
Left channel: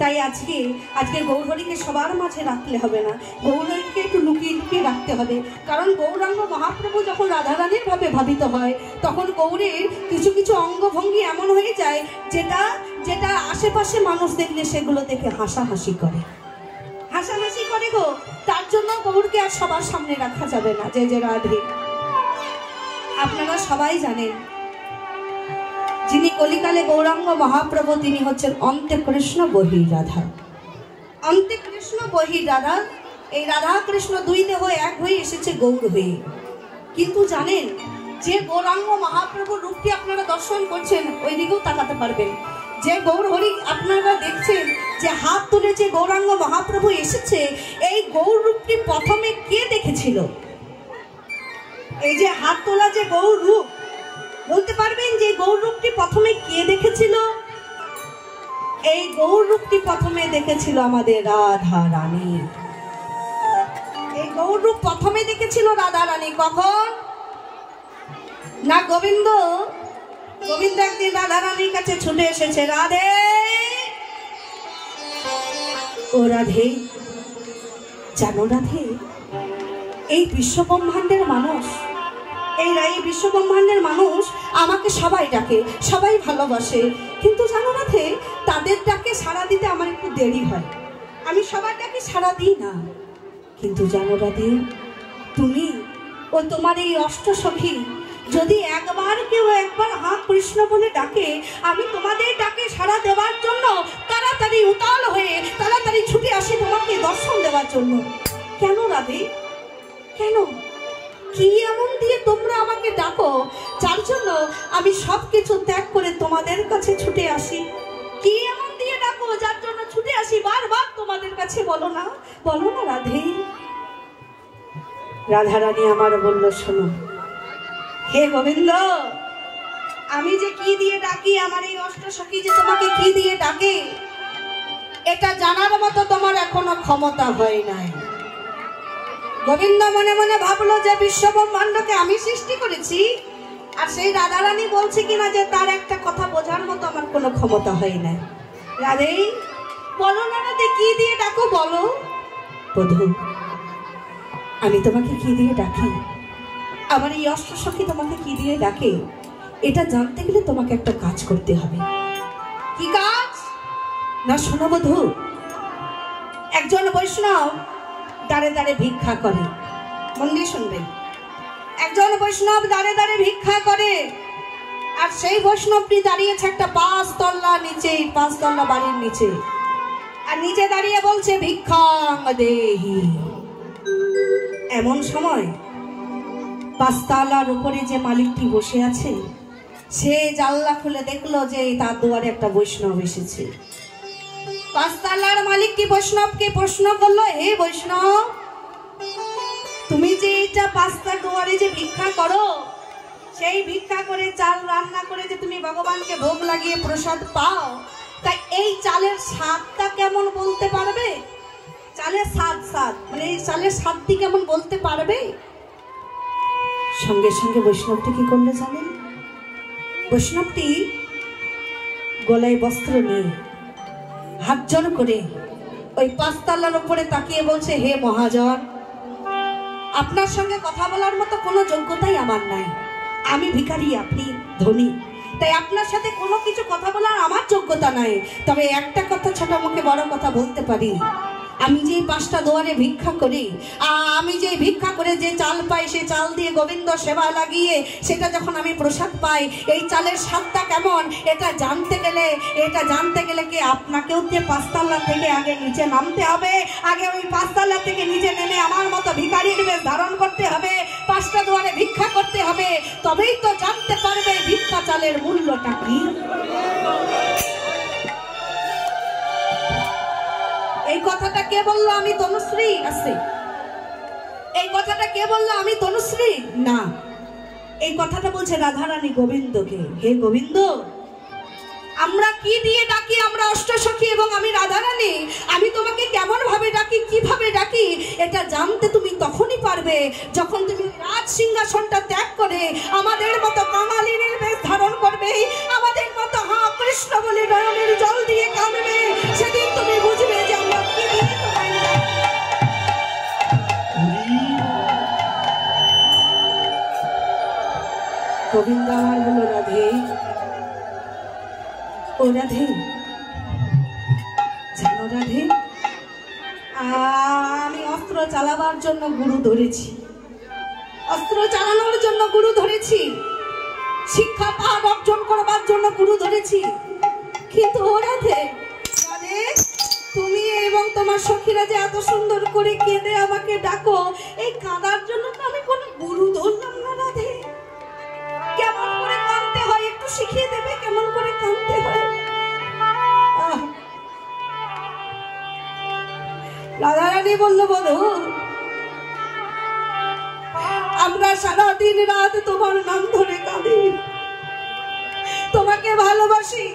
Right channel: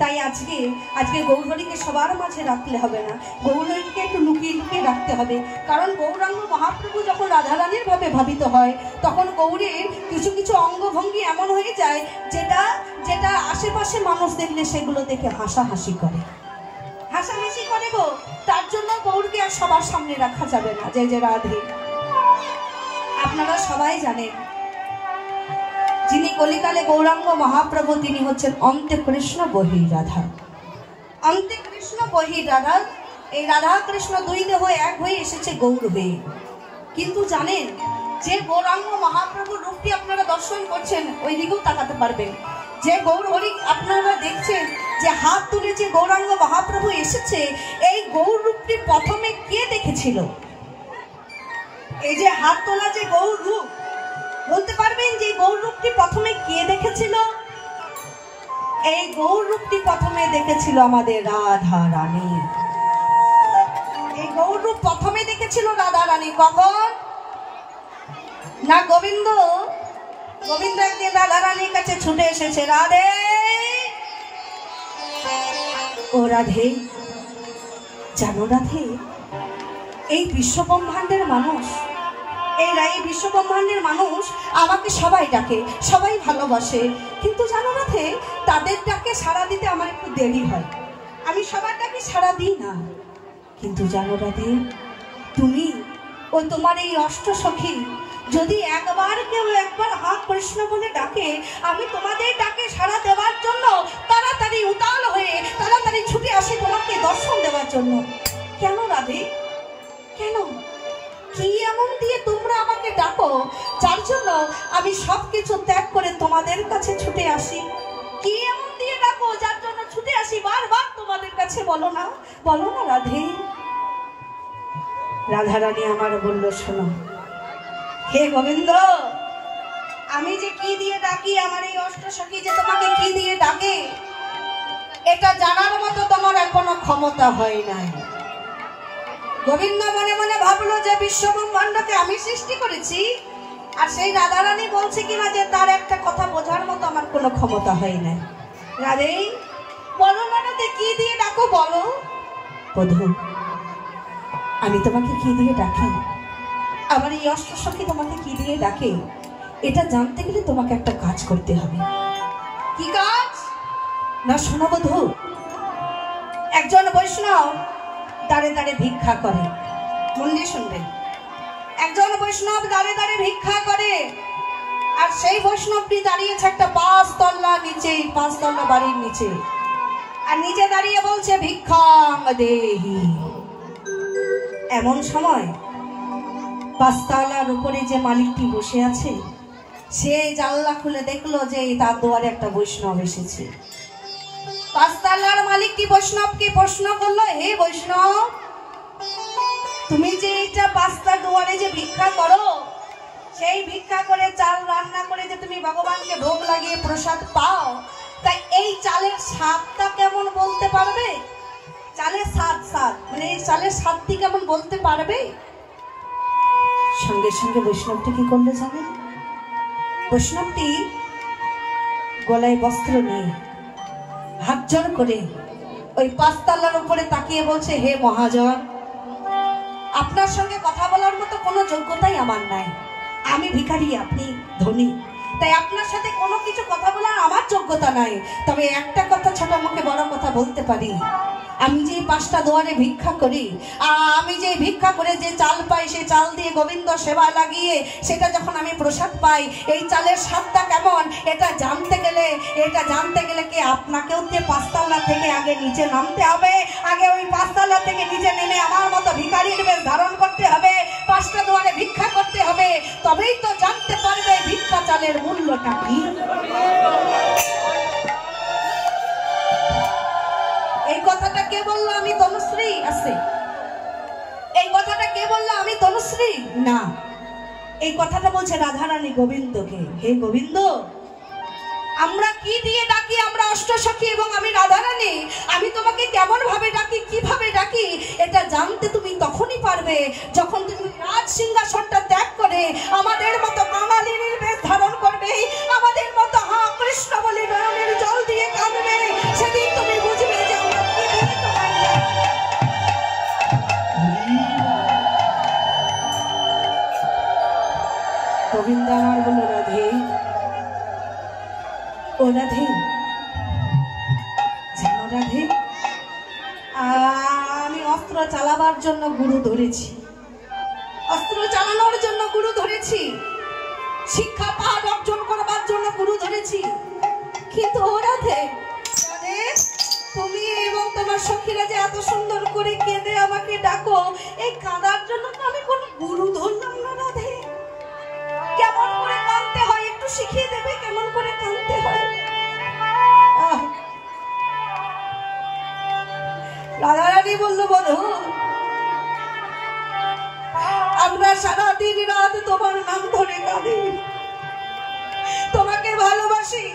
তাই আজকে গৌরহরিকে সবার মাঝে রাখলে হবে না, গৌরহরিকে একটু লুকিয়ে লুকিয়ে রাখতে হবে। কারণ গৌরাঙ্গ মহাপ্রভু যখন রাধারানীর ভাবে ভাবিত হয় তখন গৌরীর কিছু কিছু অঙ্গভঙ্গি এমন হয়ে যায় যেটা যেটা আশেপাশে মানুষ দেখলে সেগুলো দেখে হাসাহাসি করে গো। তার জন্য গৌরকে আর সবার সামনে রাখা যাবে না। যে যে রাধে, আপনারা সবাই জানেন যিনি কলিকালে গৌরাঙ্গ মহাপ্রভু তিনি হচ্ছেন অন্তে কৃষ্ণ বহিরাধা। অন্তে কৃষ্ণ বহিরাধা, এই রাধা কৃষ্ণ দুই দেহ এক হয়ে এসেছে গৌর হয়ে। কিন্তু জানেন যে গৌরাঙ্গ মহাপ্রভুর রূপটি আপনারা দর্শন করছেন ওই দিকেও তাকাতে পারবেন। যে গৌরহরি আপনারা দেখছেন যে হাত তুলে যে গৌরাঙ্গ মহাপ্রভু এসেছে, এই গৌর রূপটি প্রথমে কে দেখেছিল? এই যে হাত তোলা যে গৌর রূপ, বলতে পারবেন যে গৌর রূপটি প্রথমে কে দেখেছিল? এই গৌর রূপটি প্রথমে দেখেছিল আমাদের রাধা রানী। এই গৌর রূপ প্রথমে দেখেছিল রাধা রানী। কখন? না গোবিন্দ একদিন রাধা রানীর কাছে ছুটে এসেছে, রাধে ও রাধে, জানো রাধে, এই বিশ্বব্রহ্মাণ্ডের মানুষ, এই বিশ্বব্রহ্মাণ্ডের মানুষ আমাকে সবাই ডাকে, সবাই ভালোবাসে, কিন্তু জানো রাধে তাদের ডাকে সাড়া দিতে আমার একটু দেরি হয়, আমি সবার ডাকে সাড়া দিই না। কিন্তু জানো রাধে, তুমি ও তোমার এই অষ্টসখী যদি একবার হা কৃষ্ণ বলে ডাকে, আমি তোমাদের ডাকে সাড়া দেওয়ার জন্য তাড়াতাড়ি উতাল হয়ে তাড়াতাড়ি ছুটে আসি তোমাকে দর্শন দেওয়ার জন্য। কেন রাধে, কেন? কি এমন দিয়ে তোমরা আমাকে ডাকো যার জন্য আমি সবকিছু ত্যাগ করে তোমাদের কাছে ছুটে আসি? কি এমন দিয়ে ডাকো যার জন্য ছুটে আসি বারবার তোমাদের কাছে? বলো না রাধে। রাধারানী আমার বলল, শোনো হে গোবিন্দ, আমি যে কি দিয়ে ডাকি, আমার এই অষ্টসখী যে তোমাকে কি দিয়ে ডাকে, এটা জানার মতো তোমার এখনো ক্ষমতা হয় নাই। গোবিন্দ মনে মনে ভাবলো যে বিশ্বব্রহ্মাণ্ডকে আমি সৃষ্টি করেছি, আর সেই রাধারানী বলছে কিনা যে তার একটা কথা বোঝার মতো আমার কোনো ক্ষমতা হয় না। রাধে বলো না রাধে, কি দিয়ে ডাকো বলো। বধূ, আমি তোমাকে কি দিয়ে ডাকি, আমার এই অষ্টসখী তোমাকে কি দিয়ে ডাকে, এটা জানতে গেলে তোমাকে একটা কাজ করতে হবে। কি কাজ? না শোনো বধূ, একজন বৈষ্ণব দাঁড়ে দাঁড়ে ভিক্ষা করে, মন দিয়ে শুনবেন। একজন বৈষ্ণব দাঁড়ে দাঁড়ে ভিক্ষা করে, আর সেই বৈষ্ণবটি দাঁড়িয়েছে একটা 5 তলা নিচে, 5 তলা বাড়ির নিচে, আর নিচে দাঁড়িয়ে বলছে ভিক্ষাং দেহি। এমন সময় 5 তলার উপরে যে মালিকটি বসে আছে, সে জানলা খুলে দেখলো যে তার দুয়ারে একটা বৈষ্ণব এসেছে। 5 তলার মালিকটি বৈষ্ণবকে প্রশ্ন করলো, হে বৈষ্ণব, তুমি যে এটা 5টা দুয়ারে যে ভিক্ষা করো, সেই ভিক্ষা করে চাল রান্না করে যে তুমি ভগবানকে ভোগ লাগিয়ে প্রসাদ পাও, তাই এই চালের স্বাদটা কেমন বলতে পারবে? চালের স্বাদ মানে এই চালের স্বাদটি কেমন বলতে পারবে? সঙ্গে সঙ্গে বৈষ্ণবটি কি করলে জানেন? বৈষ্ণবটি গলায় বস্ত্র নিয়ে হাত জোড় করে ওই 5 তলার উপরে তাকিয়ে বলছে, হে মহাজন, আপনার সঙ্গে কথা বলার মতো কোনো যোগ্যতাই আমার নাই, আমি ভিখারি, আপনি ধনী, তাই আপনার সাথে কোনো কিছু কথা বলার আমার যোগ্যতা নাই। তবে একটা কথা ছোট মুখে বড় কথা বলতে পারি, আমি যে 5টা দুয়ারে ভিক্ষা করি, আমি যে ভিক্ষা করে যে চাল পাই, সে চাল দিয়ে গোবিন্দ সেবা লাগিয়ে সেটা যখন আমি প্রসাদ পাই, এই চালের স্বাদটা কেমন এটা জানতে গেলে কি আপনাকেও যে 5 তলা থেকে আগে নিচে নামতে হবে, আগে ওই 5 তলা থেকে নিচে নেমে আমার মতো ভিখারির বেশ ধারণ করতে হবে, 5টা দুয়ারে ভিক্ষা করতে হবে, তবেই তো জানতে পারবে ভিক্ষা চালের মূল্যটা কি। এই কথাটা কে বললো? আমি তনুশ্রী? আছে এই কথাটা কে বললো? আমি তনুশ্রী না, এই কথাটা বলছে রাধারানী গোবিন্দকে। হে গোবিন্দ, আমরা কি দিয়ে ডাকি? আমরা অষ্টসখী এবং আমি রাধারানী, আমি তোমাকে কেমন ভাবে ডাকি, কিভাবে ডাকি, এটা জানতে তুমি তখনই পারবে করে যখন তুমি রাজ সিংহাসনটা ত্যাগ করে আমাদের মতো কাঙালিনীর বেশ ধারণ করবে, আমাদের মতো হা কৃষ্ণ বলে নয়নের জল দিয়ে কাঁদবে, সেদিন তুমি বুঝবে যে আমরা কি দিয়ে তোমায় গোবিন্দ আমার বলো রাধে, ও রাধে, জানো রাধে, আমি অস্ত্র চালাবার জন্য গুরু ধরেছি, অস্ত্র চালানোর জন্য গুরু ধরেছি, শিক্ষা পাঠ অর্জন করবার জন্য গুরু ধরেছি, কিন্তু ও রাধে, রাধে, তুমি এবং তোমার সখীরা যে এত সুন্দর করে কেঁদে আমাকে ডাকো, এই কাঁদার জন্য তো আমি কোনো গুরু ধরলাম না রাধে। কেমন করে কাঁদতে হয় একটু শিখিয়ে দেবে, কেমন করে কাঁদতে হয়? রাধা রানী বলল, বধূ, আমরা সারা দিন রাত তোমার নাম ধরে কাঁদি, তোমাকে ভালোবাসি,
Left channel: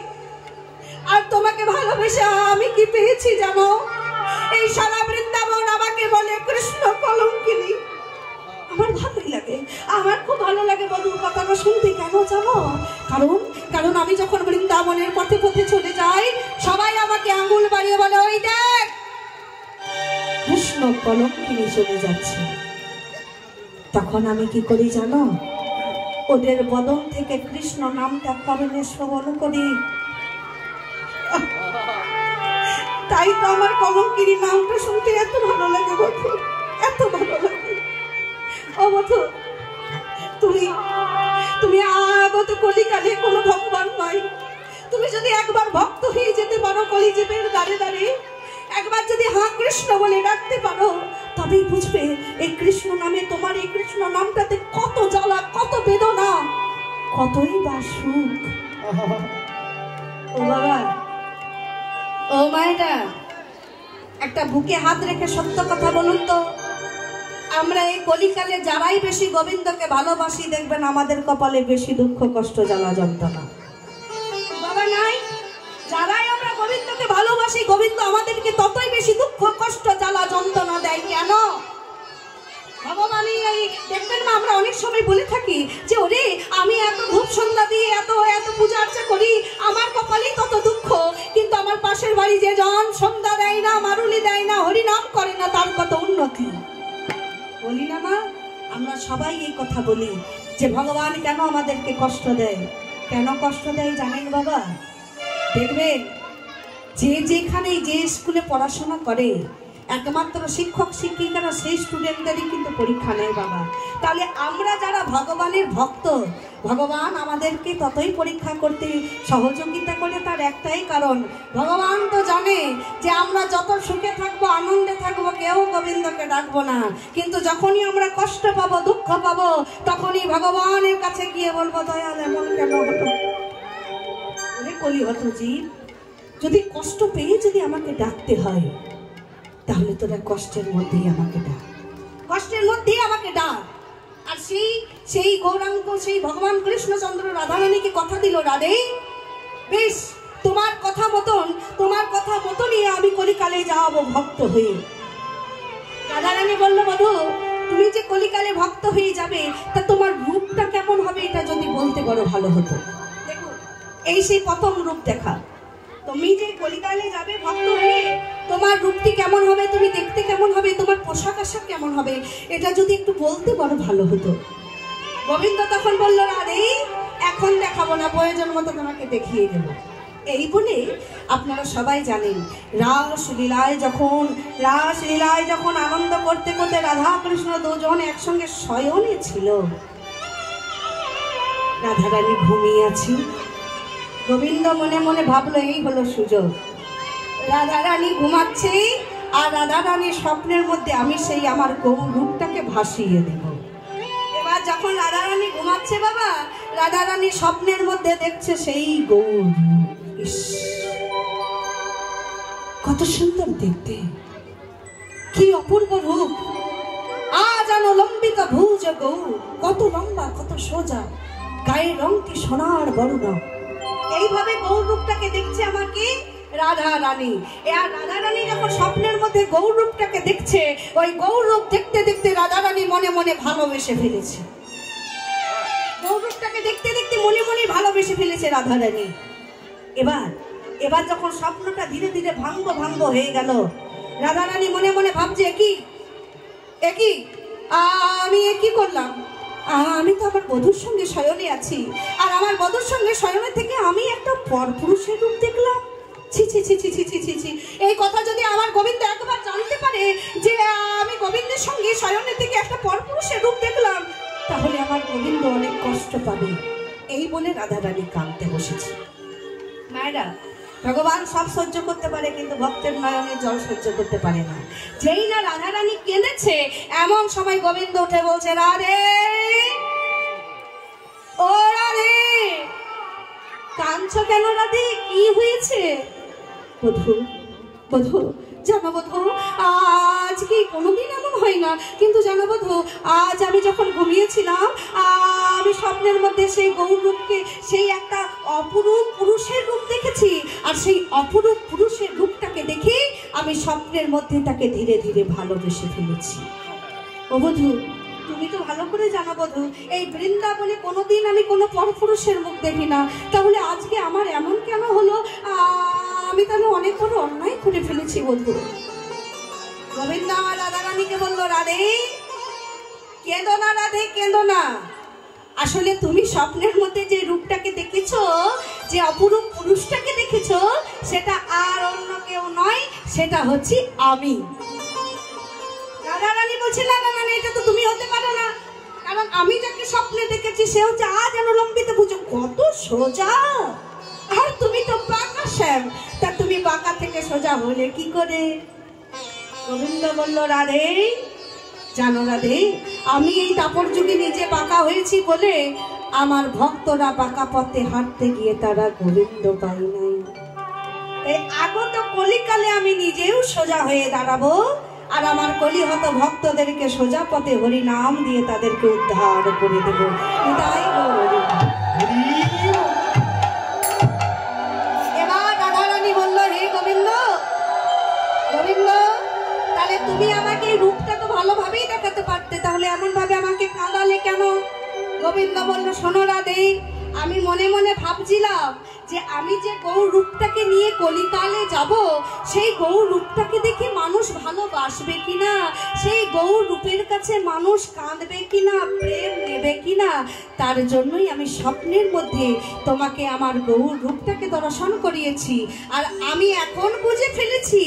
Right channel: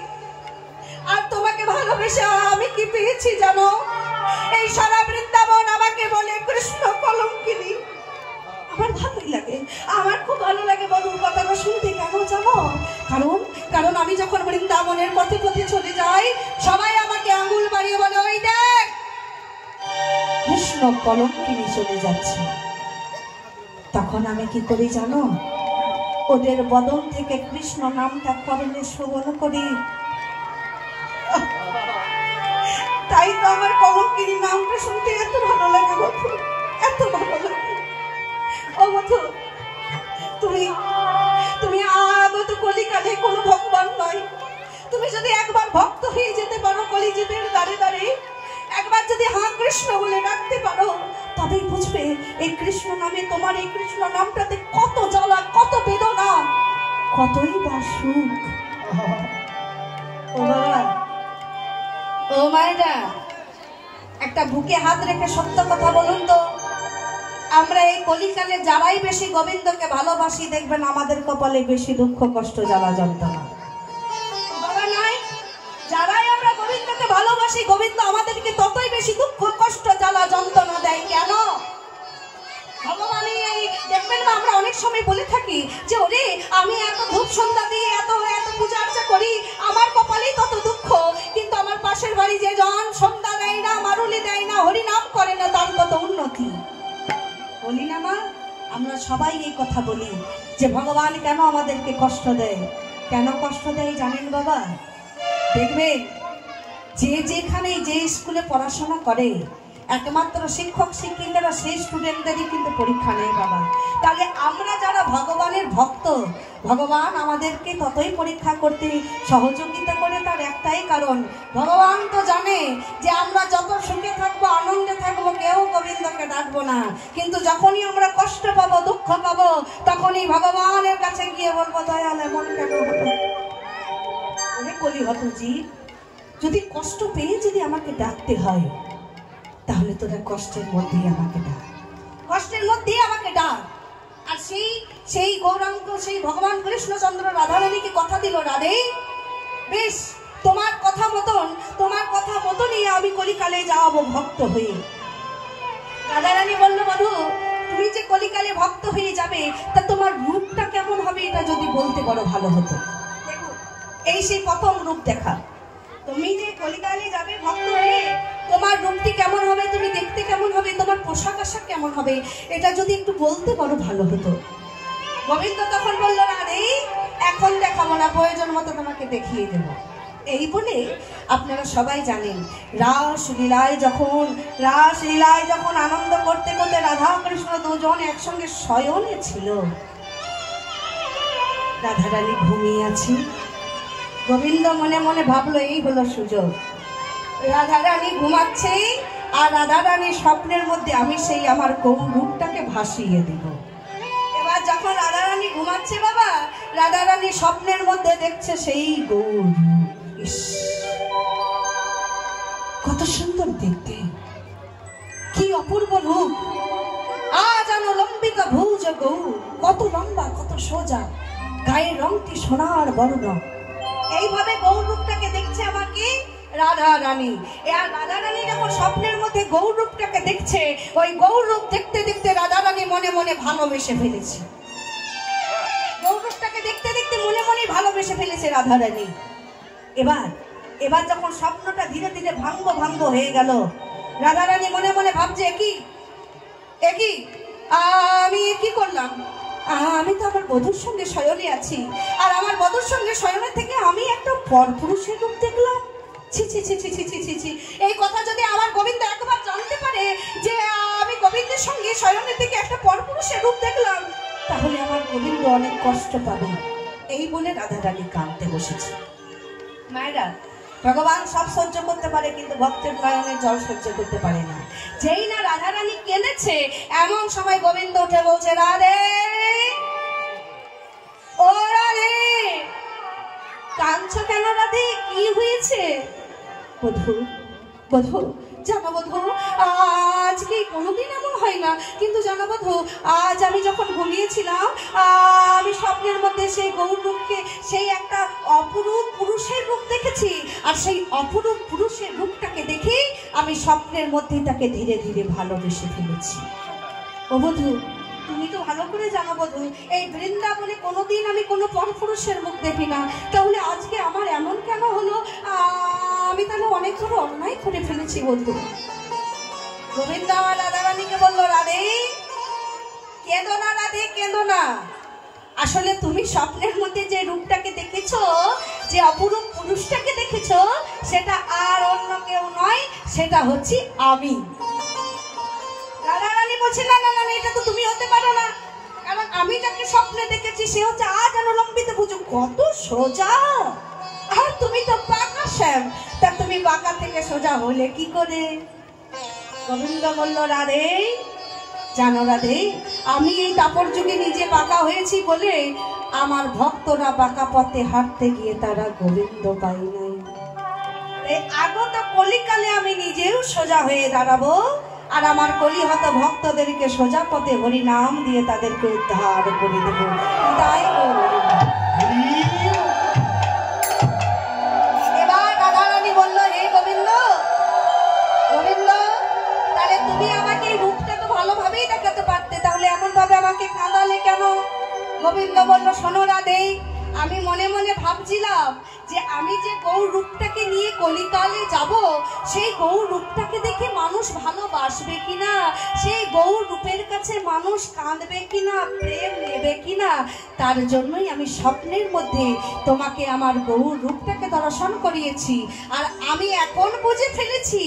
আর তোমাকে ভালোবেসে আমি কি পেয়েছি জানো? এই সারা বৃন্দাবন আমাকে বলে কৃষ্ণ কলঙ্কিনী। আমার ভালোই লাগে, আমার খুব ভালো লাগে বধূর কথাটা শুনতে। কেন জানো? কারণ আমি যখন বৃন্দাবনের পথে পথে চলে যাই, সবাই আমাকে আঙ্গুল বাড়িয়ে বলে, ওই দেখ কৃষ্ণ কলঙ্কিনী চলে যাচ্ছে। তখন আমি কি করি জানো? ওদের বদন থেকে কৃষ্ণ নামটা কর্ণে শ্রবণ করি। তাই তো আমার কলঙ্কিনী নামটা শুনতে এত ভালো লাগে বধূ, এত ভালো লাগে। ও বধূ, তুমি আগত কলিকালে কোনো ভগবান নয়। তুমি যদি একবার ভক্ত হয়ে যেতে পারো কলিযুগের দ্বারে দ্বারে, একবার যদি হা কৃষ্ণ বলে ডাকতে পারো, তবেই বুঝবে এই কৃষ্ণ নামে, তোমার এই কৃষ্ণ নামটাতে কত জ্বালা, কত বেদনা, কতই বা সুখ। ও বাবা, ও মায়েরা, একটা বুকে হাত রেখে সত্য কথা বলুন তো, আমরা এই কলিকালে যারাই বেশি গোবিন্দকে ভালোবাসি, দেখবেন আমাদের কপালে বেশি দুঃখ কষ্ট জ্বালা যন্ত্রণা বাবা নাই? যারাই আমরা গোবিন্দকে ভালোবাসি, গোবিন্দ আমাদেরকে ততই বেশি দুঃখ কষ্ট জ্বালা যন্ত্রণা দেয়। কেন? ভগবান এই দেখবেন না, আমরা অনেক সময় বলে থাকি যে ওরে আমি এত ধূপ সন্ধ্যা দিয়ে এত এত পূজা আর্চা করি, আমার কপালেই কত দুঃখ, কিন্তু আমার পাশের বাড়ি যে জন সন্ধ্যা দেয় না, মারুলি দেয় না, হরিনাম করে না, তার কত উন্নতি। বলি না মা? আমরা সবাই এই কথা বলি যে ভগবান কেন আমাদেরকে কষ্ট দেয়। কেন কষ্ট দেয় জানেন বাবা? দেখবেন যে যেখানে যে স্কুলে পড়াশোনা করে, একমাত্র শিক্ষক শিক্ষিকারা সেই স্টুডেন্টদেরই কিন্তু পরীক্ষা নেয় বাবা। তাহলে আমরা যারা ভগবানের ভক্ত, ভগবান আমাদেরকে ততই পরীক্ষা করতে সহযোগিতা করে। তার একটাই কারণ, ভগবান তো জানে যে আমরা যত সুখে থাকবো, আনন্দে থাকবো, কেউ গোবিন্দকে ডাকবো না, কিন্তু যখনই আমরা কষ্ট পাবো, দুঃখ পাবো, তখনই ভগবানের কাছে গিয়ে বলবো, দয়াল এমন কেন হলো? ওরে কলিহত জীব, যদি কষ্ট পেয়ে যদি আমাকে ডাকতে হয়, তাহলে তোরা কষ্টের মধ্যেই আমাকে ডাক, কষ্টের মধ্যেই আমাকে ডাক। আর সেই গৌরাঙ্গ, সেই ভগবান কৃষ্ণচন্দ্র রাধারানীকে কথা দিল, রাধে বেশ তোমার কথা মতনই আমি কলিকালে যাবো ভক্ত হয়ে। রাধারানী বলল, বধূ, তুমি যে কলিকালে ভক্ত হয়ে যাবে, তা তোমার রূপটা কেমন হবে এটা যদি বলতে বড় ভালো হতো। দেখো, এই সেই প্রথম রূপ দেখা। তুমি যে কলিকালে যাবে ভক্ত হয়ে, তোমার রূপটি কেমন হবে, তুমি দেখতে কেমন হবে, তোমার পোশাক আশাক কেমন হবে, এটা যদি একটু বলতে বড় ভালো হতো। গোবিন্দ তখন বলল, না রে, এখন দেখাবো না, প্রয়োজন মতো তোমাকে দেখিয়ে দেব। এই বলে আপনারা সবাই জানেন, রাসলীলায় যখন আনন্দ করতে করতে রাধা কৃষ্ণ দুজন একসঙ্গে শয়নে ছিল, রাধারানী ঘুমিয়ে আছে। গোবিন্দ মনে মনে ভাবলো, এই হলো সুযোগ। রাধারানী ঘুমাচ্ছে, আর রাধারানীর স্বপ্নের মধ্যে আমি সেই আমার গৌর রূপটাকে ভাসিয়ে দেব। এবার যখন রাধারানী ঘুমাচ্ছে বাবা, রাধারানী স্বপ্নের মধ্যে দেখছে সেই গৌর। কত সুন্দর দেখতে, কি অপূর্ব রূপ। আজ লম্বিকা ভুজ গৌর, কত লম্বা, কত সোজা, গায়ের রংটি সোনার বর্ণ। এইভাবে গৌর রূপটাকে দেখছে আমাকে রাধা রানী। রাধা রানী যখন স্বপ্নের মধ্যে গৌর রূপটাকে দেখছে, ওই গৌর রূপ দেখতে দেখতে রাধা রানী মনে মনে ভালোবেসে ফেলেছে, গৌরবটাকে দেখতে দেখতে মনে মনে ভালোবেসে ফেলেছে রাধারানী। এবার যখন স্বপ্নটা ধীরে ধীরে ভাঙ্গ হয়ে গেল, রাধারানী মনে মনে ভাবছে একই আমি কি করলাম, আমি তো আমার বধূর সঙ্গে শয়নে আছি, আর আমার বধূর সঙ্গে শয়নে থেকে আমি একটা পরপুরুষের রূপ দেখলাম। ছি ছি ছি ছি ছি ছি ছি ছি, এই কথা যদি আমার গোবিন্দ একবার জানতে পারে যে আমি গোবিন্দের সঙ্গে শয়নে থেকে একটা পরপুরুষের রূপ দেখলাম, তাহলে আমার গোবিন্দ অনেক কষ্ট পাবে। এই বলে রাধারানী কাঁদতে বসেছে। মায়েরা, ভগবান সব সহ্য করতে পারে, কিন্তু ভক্তের নয়নের জল সহ্য করতে পারে না। যেই না রাধারানী কেঁদেছে, এমন সময় গোবিন্দ উঠে বলছে, রাধে ও রাধে, কাঁদছো কেন রাধে, কি হয়েছে? বধূ জানো বধূ, আজকে কোনোদিন এমন হয় না, কিন্তু জানো বধূ, আজ আমি যখন ঘুমিয়েছিলাম, আমি স্বপ্নের মধ্যে সেই গৌর রূপকে, সেই একটা অপরূপ পুরুষের রূপ দেখেছি, আর সেই অপরূপ পুরুষের রূপটাকে দেখে আমি স্বপ্নের মধ্যে তাকে ধীরে ধীরে ভালোবেসে ফেলেছি। ও বধূ, তুমি তো ভালো করে জানো বধূ, এই বৃন্দাবনে কোনোদিন আমি কোনো পরপুরুষের মুখ দেখি না, তাহলে আজকে আমার এমন কেন হলো? আমি তাহলে অনেক বড় অন্যায় করে ফেলেছি বন্ধু। গোবিন্দ রাধারানীকে বললো, রাধে কেঁদো না, রাধে কেঁদো না, আসলে তুমি স্বপ্নের মধ্যে যে রূপটাকে দেখেছো, যে অপরূপ পুরুষটাকে দেখেছো, সেটা আর অন্য কেউ নয়, সেটা হচ্ছে আমি। রাধারানী বলছে, না না না, এটা তো তুমি হতে পারো না, কারণ আমি যাকে স্বপ্নে দেখেছি সে হচ্ছে আজ অনুলম্বিত বুঝো কত সোজা, আর তুমি তো বাঁকা শ্যাম, তা তুমি বাঁকা থেকে সোজা হলে কি করে? গোবিন্দ বলল, রাধে জানো রাধে, আমি এই তাপর যুগে নিজে বাঁকা হয়েছি বলে আমার ভক্তরা বাঁকা পথে হাঁটতে গিয়ে তারা গোবিন্দ পাইনি। এই আগত কলিকালে আমি নিজেও সোজা হয়ে দাঁড়াবো, আর আমার কলিহত ভক্তদেরকে সোজা পথে হরি নাম দিয়ে তাদেরকে উদ্ধার করে দেব। তাই এবার রাধারানী বলল, হে গোবিন্দ, তাহলে তুমি আমাকে এই রূপটা তো ভালোভাবেই দেখাতে পারতে, তাহলে এমন ভাবে আমাকে কাঁদালে কেন? গোবিন্দ বলল, শোনো রাধে, আমি মনে মনে ভাবছিলাম যে আমি যে গৌর রূপটাকে নিয়ে কলিকালে যাব, সেই গৌর রূপটাকে দেখে মানুষ ভালোবাসবে কিনা, সেই গৌর রূপের কাছে মানুষ কাঁদবে কিনা, প্রেম নেবে কিনা, তার জন্যই আমি স্বপ্নের মধ্যে তোমাকে আমার গৌর রূপটাকে দর্শন করিয়েছি। আর আমি এখন বুঝে ফেলেছি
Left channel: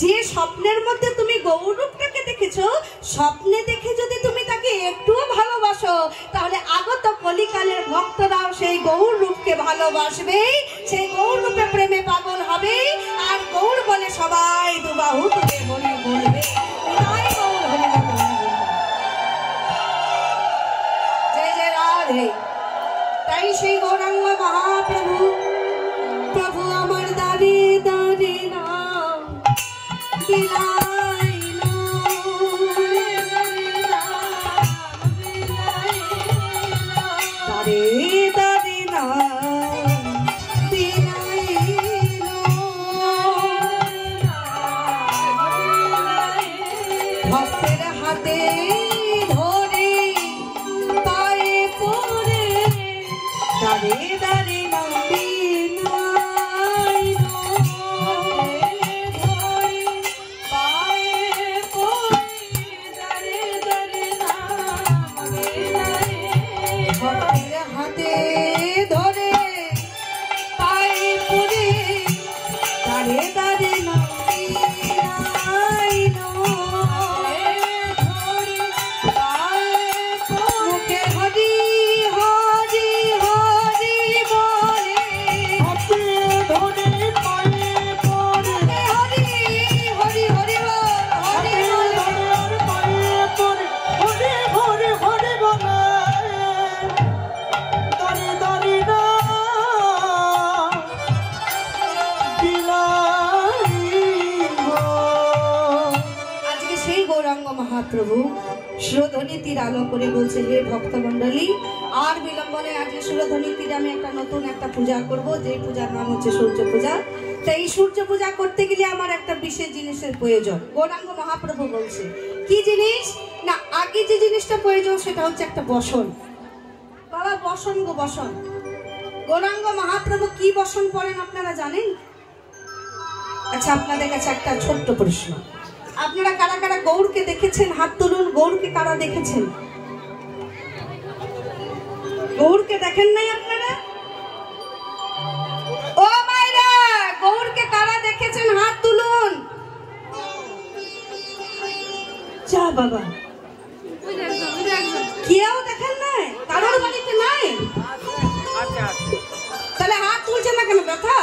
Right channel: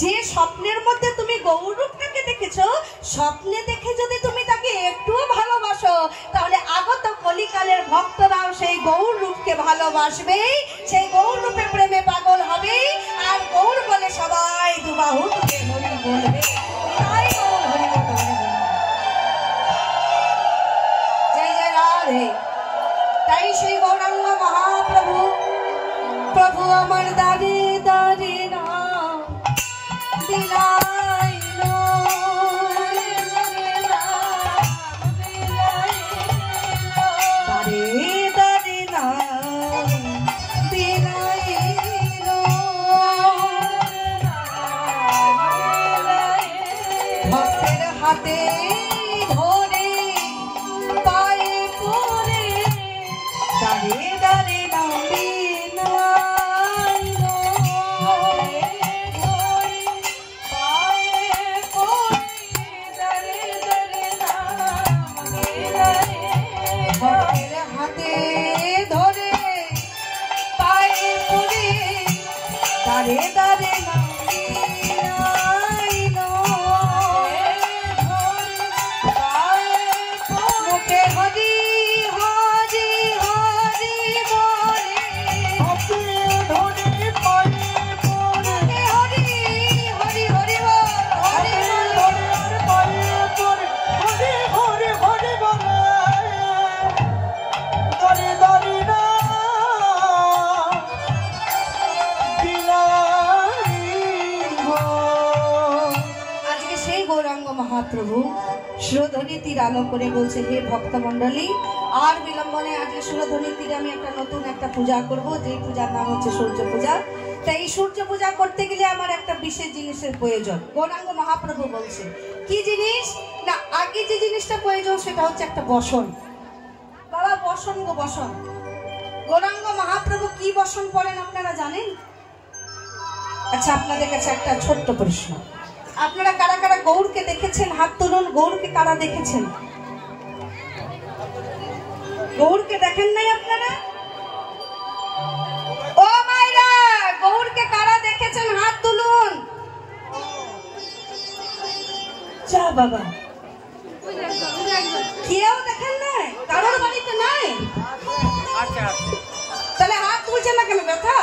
যে স্বপ্নের মধ্যে তুমি গৌর রূপটাকে দেখেছো, স্বপ্নে দেখে যদি তুমি তাকে একটুও ভালোবাসো, তাহলে আগত কলিকালের ভক্তরাও সেই গৌর রূপকে ভালোবাসবে, সেই গৌর রূপে প্রেমে পাগল হবে, আর গৌর বলে সবাই দুবাহু তুলে হরি বলবে। জয় জয় রাধে। তাই সেই গৌরাঙ্গ মহাপ্রভু, প্রভু আমার দাঁড়িয়ে দাঁড়িয়ে নাম বিলাইলো, দাঁড়িয়ে দাঁড়িয়ে নাম বিলাইলো, ভক্তের হাতে ধরে পায়ে পড়ে দাঁড়িয়ে দাঁড়িয়ে নাম বিলাইলো, ভক্তের হাতে ধরে পায়ে পড়ে দাঁড়িয়ে দাঁড়িয়ে নাম বিলাইলো, মুখে হরি হরি হরি বলে, হরি হরি হরি বল, হরি আজকে সেই গৌরাঙ্গ মহাপ্রভু সুরধ্বনি তীর আলো করে বলছে, হে ভক্তমণ্ডলী, আর বিলম্বনে আজকে সুরধ্বনি তীরে আমি একটা নতুন একটা পূজা করব, যে পূজার নাম হচ্ছে সূর্য পূজা। তাই এই সূর্য পূজা করতে গেলে আমার একটা বিশেষ জিনিসের প্রয়োজন। গৌরাঙ্গ মহাপ্রভু বলছে, কি জিনিস? না, আগে যে জিনিসটা প্রয়োজন সেটা হচ্ছে একটা বসন। বাবা বসন গো বসন। গৌরাঙ্গ মহাপ্রভু কি বসন পড়েন আপনারা জানেন? আচ্ছা, আপনাদের কাছে একটা ছোট্ট প্রশ্ন, আপনারা কারা কারা গৌরকে দেখেছেন? হাত তুলুন। গৌরকে কারা দেখেছেন? গৌরকে দেখেন নাই আপনারা? ও মায়েরা, গৌরকে কারা দেখেছেন? হাত তুলুন। যা বাবা, কেউ দেখেন নাই? কারোর বাড়িতে নাই? তাহলে হাত তুলছেন না কেন? ব্যথা?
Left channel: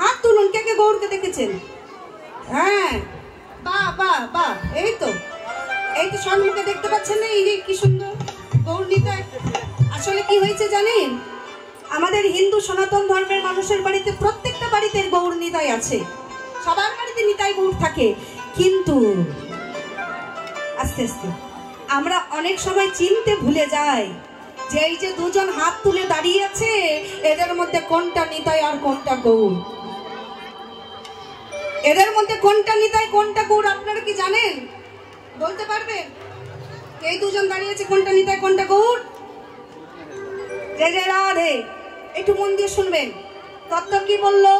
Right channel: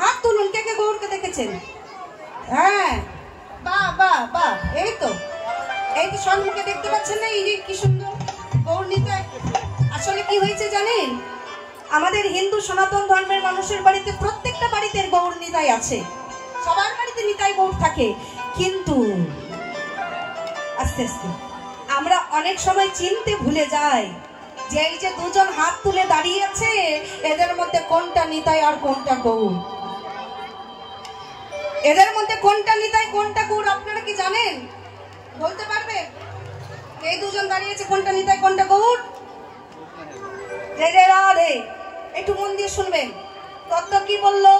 হাত তুলুন, কে কে গৌরকে দেখেছেন? হ্যাঁ, বাহ বাহ বাহ, এই তো সম্মুখে দেখতে পাচ্ছেন না? এই যে কি সুন্দর গৌর নিতাই। আসলে কি হয়েছে জানেন, আমাদের হিন্দু সনাতন ধর্মের মানুষের বাড়িতে, প্রত্যেকটা বাড়িতে গৌর নিতাই আছে, সবার বাড়িতে নিতাই গৌর থাকে। কিন্তু আস্তে আস্তে আমরা অনেক সময় চিনতে ভুলে যাই যে এই যে দুজন হাত তুলে দাঁড়িয়ে আছে, এদের মধ্যে কোনটা নিতাই আর কোনটা গৌর? এদের মধ্যে কোনটা নিতাই কোনটা গৌর আপনারা কি জানেন? বলতে পারবেন? এই দুজন দাঁড়িয়ে আছে, কোনটা নিতাই কোনটা গৌর? রাধে, একটু মন দিয়ে শুনবেন। তত্ত্ব কি বললো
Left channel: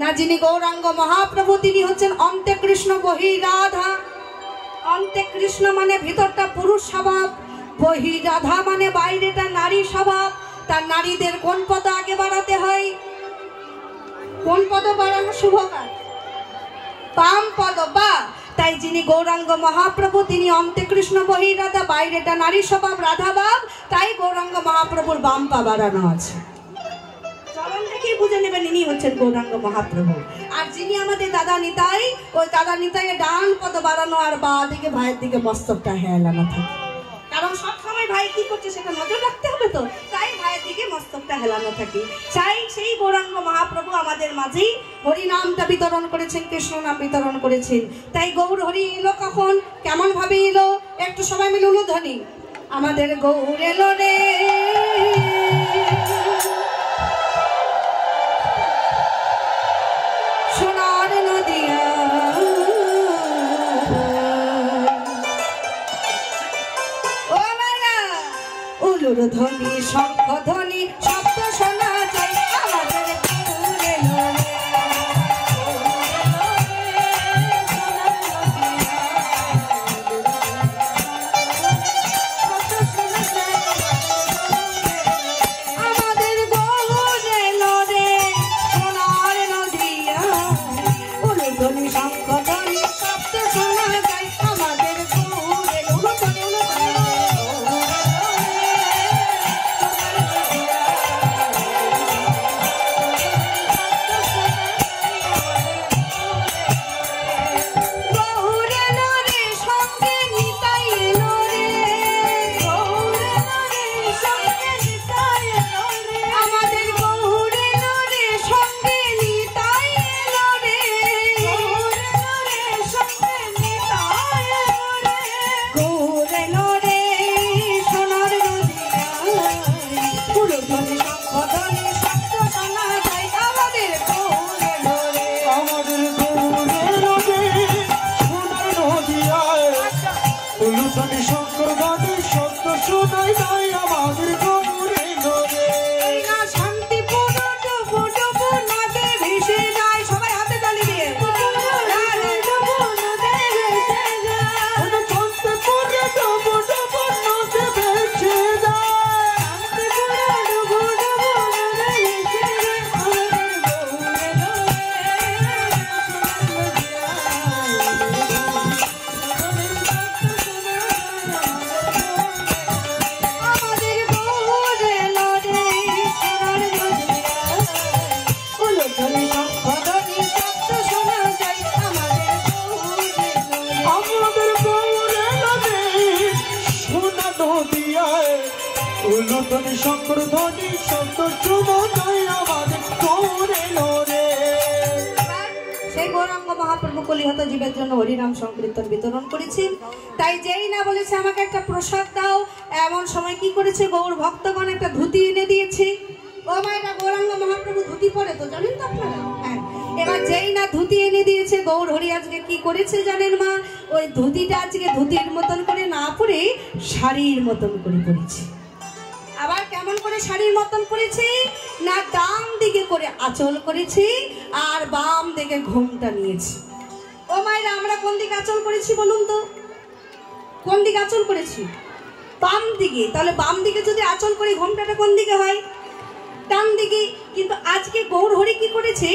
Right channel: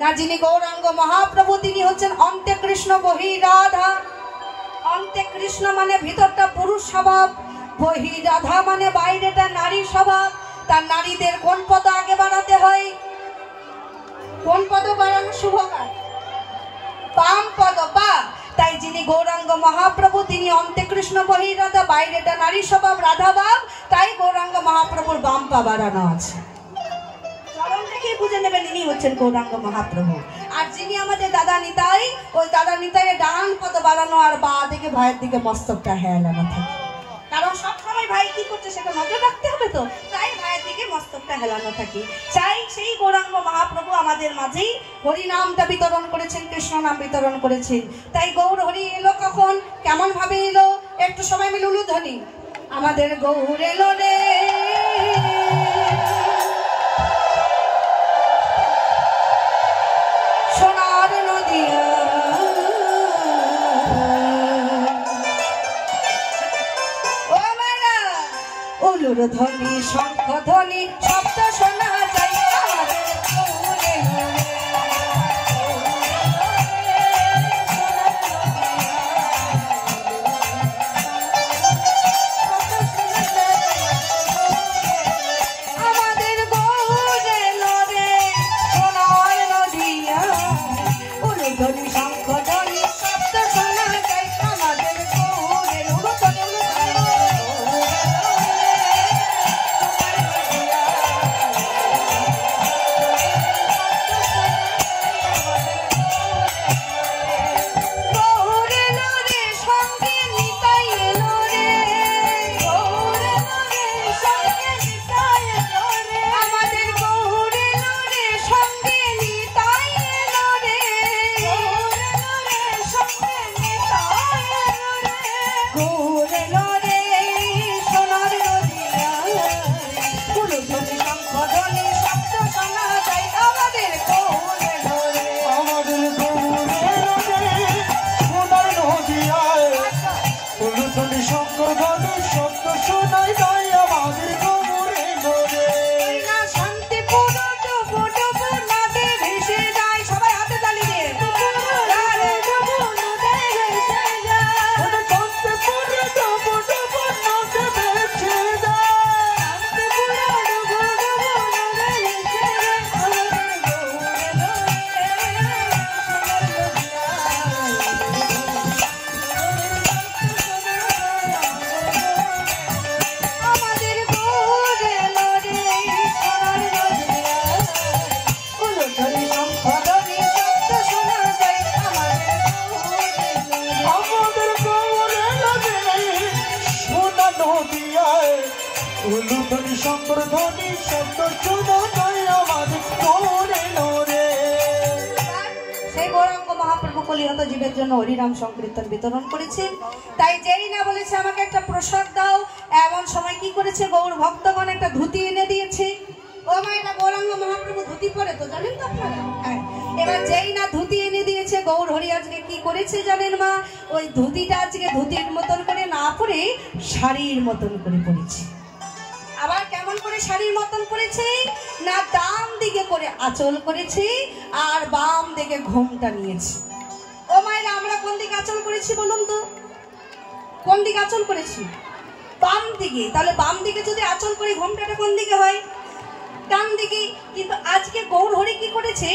না, যিনি গৌরাঙ্গ মহাপ্রভু তিনি হচ্ছেন অন্তে কৃষ্ণ বহি রাধা। অন্তে কৃষ্ণ মানে ভিতরটা পুরুষ স্বভাব, বহি রাধা মানে বাইরেটা নারী স্বভাব। তার নারীদের কোন পদ আগে বাড়াতে হয়? কোন পদ বাড়ানো শুভ কাজ? বাম পদ। বা তাই যিনি গৌরাঙ্গ মহাপ্রভু তিনি অন্তে কৃষ্ণ বহি রাধা, বাইরেটা নারী স্বভাব রাধা ভাব, তাই গৌরাঙ্গ মহাপ্রভুর বাম পা বাড়ানো আছে। চরণ দেখেই বুঝে নেবেন ইনি হচ্ছেন গৌরাঙ্গ মহাপ্রভু। আর যিনি আমাদের দাদা নিতাই, ওই দাদা নিতাইয়ের ডান পদ বাড়ানো আর বা দিকে ভাইয়ের দিকে মস্তকটা হেলানো থাকে। কারণ সবসময় ভাই কি করছে সেটা নজর রাখতে হবে, তো তাই ভাইয়ের দিকে মস্তকটা হেলানো থাকে। চাই সেই গৌরাঙ্গ মহাপ্রভু আমাদের মাঝেই হরি নামটা বিতরণ করেছেন, কৃষ্ণ নাম বিতরণ করেছেন। তাই গৌর হরি এলো কখন, কেমন ভাবে এলো? একটু সময় মিলে উলুধ্বনি। আমাদের গৌর এলো রে, সোনার নদিয়া, ও মায়া উলুর ধ্বনি শঙ্খ ধ্বনি শব্দ শোনা যায়। আমাদের গৌর এলো রে, জীবের জন্য হরিনাম সংকীর্তন বিতরণ করেছেন। তাই যেই না বলেছে আমাকে একটা প্রসাদ দাও, এমন সময় কি করেছে গৌর ভক্তগণ একটা ধুতি এনে দিয়েছে। ও মা, এটা গৌরাঙ্গ মহাপ্রভু ধুতি পরে তো জানেন তো আপনারা? হ্যাঁ, এবার যেই না ধুতি এনে দিয়েছে, গৌর হরি আজকে কি করেছে জানেন মা? ওই ধুতিটা আজকে ধুতির মতন করে না পরে শাড়ির মতন করে পরেছে। আবার কেমন করে শাড়ির মতন করেছে না, ডান দিকে করে আঁচল করেছি আর বাম দিকে ঘোমটা নিয়েছি। ও মায়েরা, আমরা কোন দিকে আঁচল করেছি বলুন তো? কোন দিকে আঁচল করেছি? বাম দিকে। তাহলে বাম দিকে যদি আঁচল করি, ঘোমটাটা কোন দিকে হয়? ডান দিকে। কিন্তু আজকে গৌর হরি কি করেছে?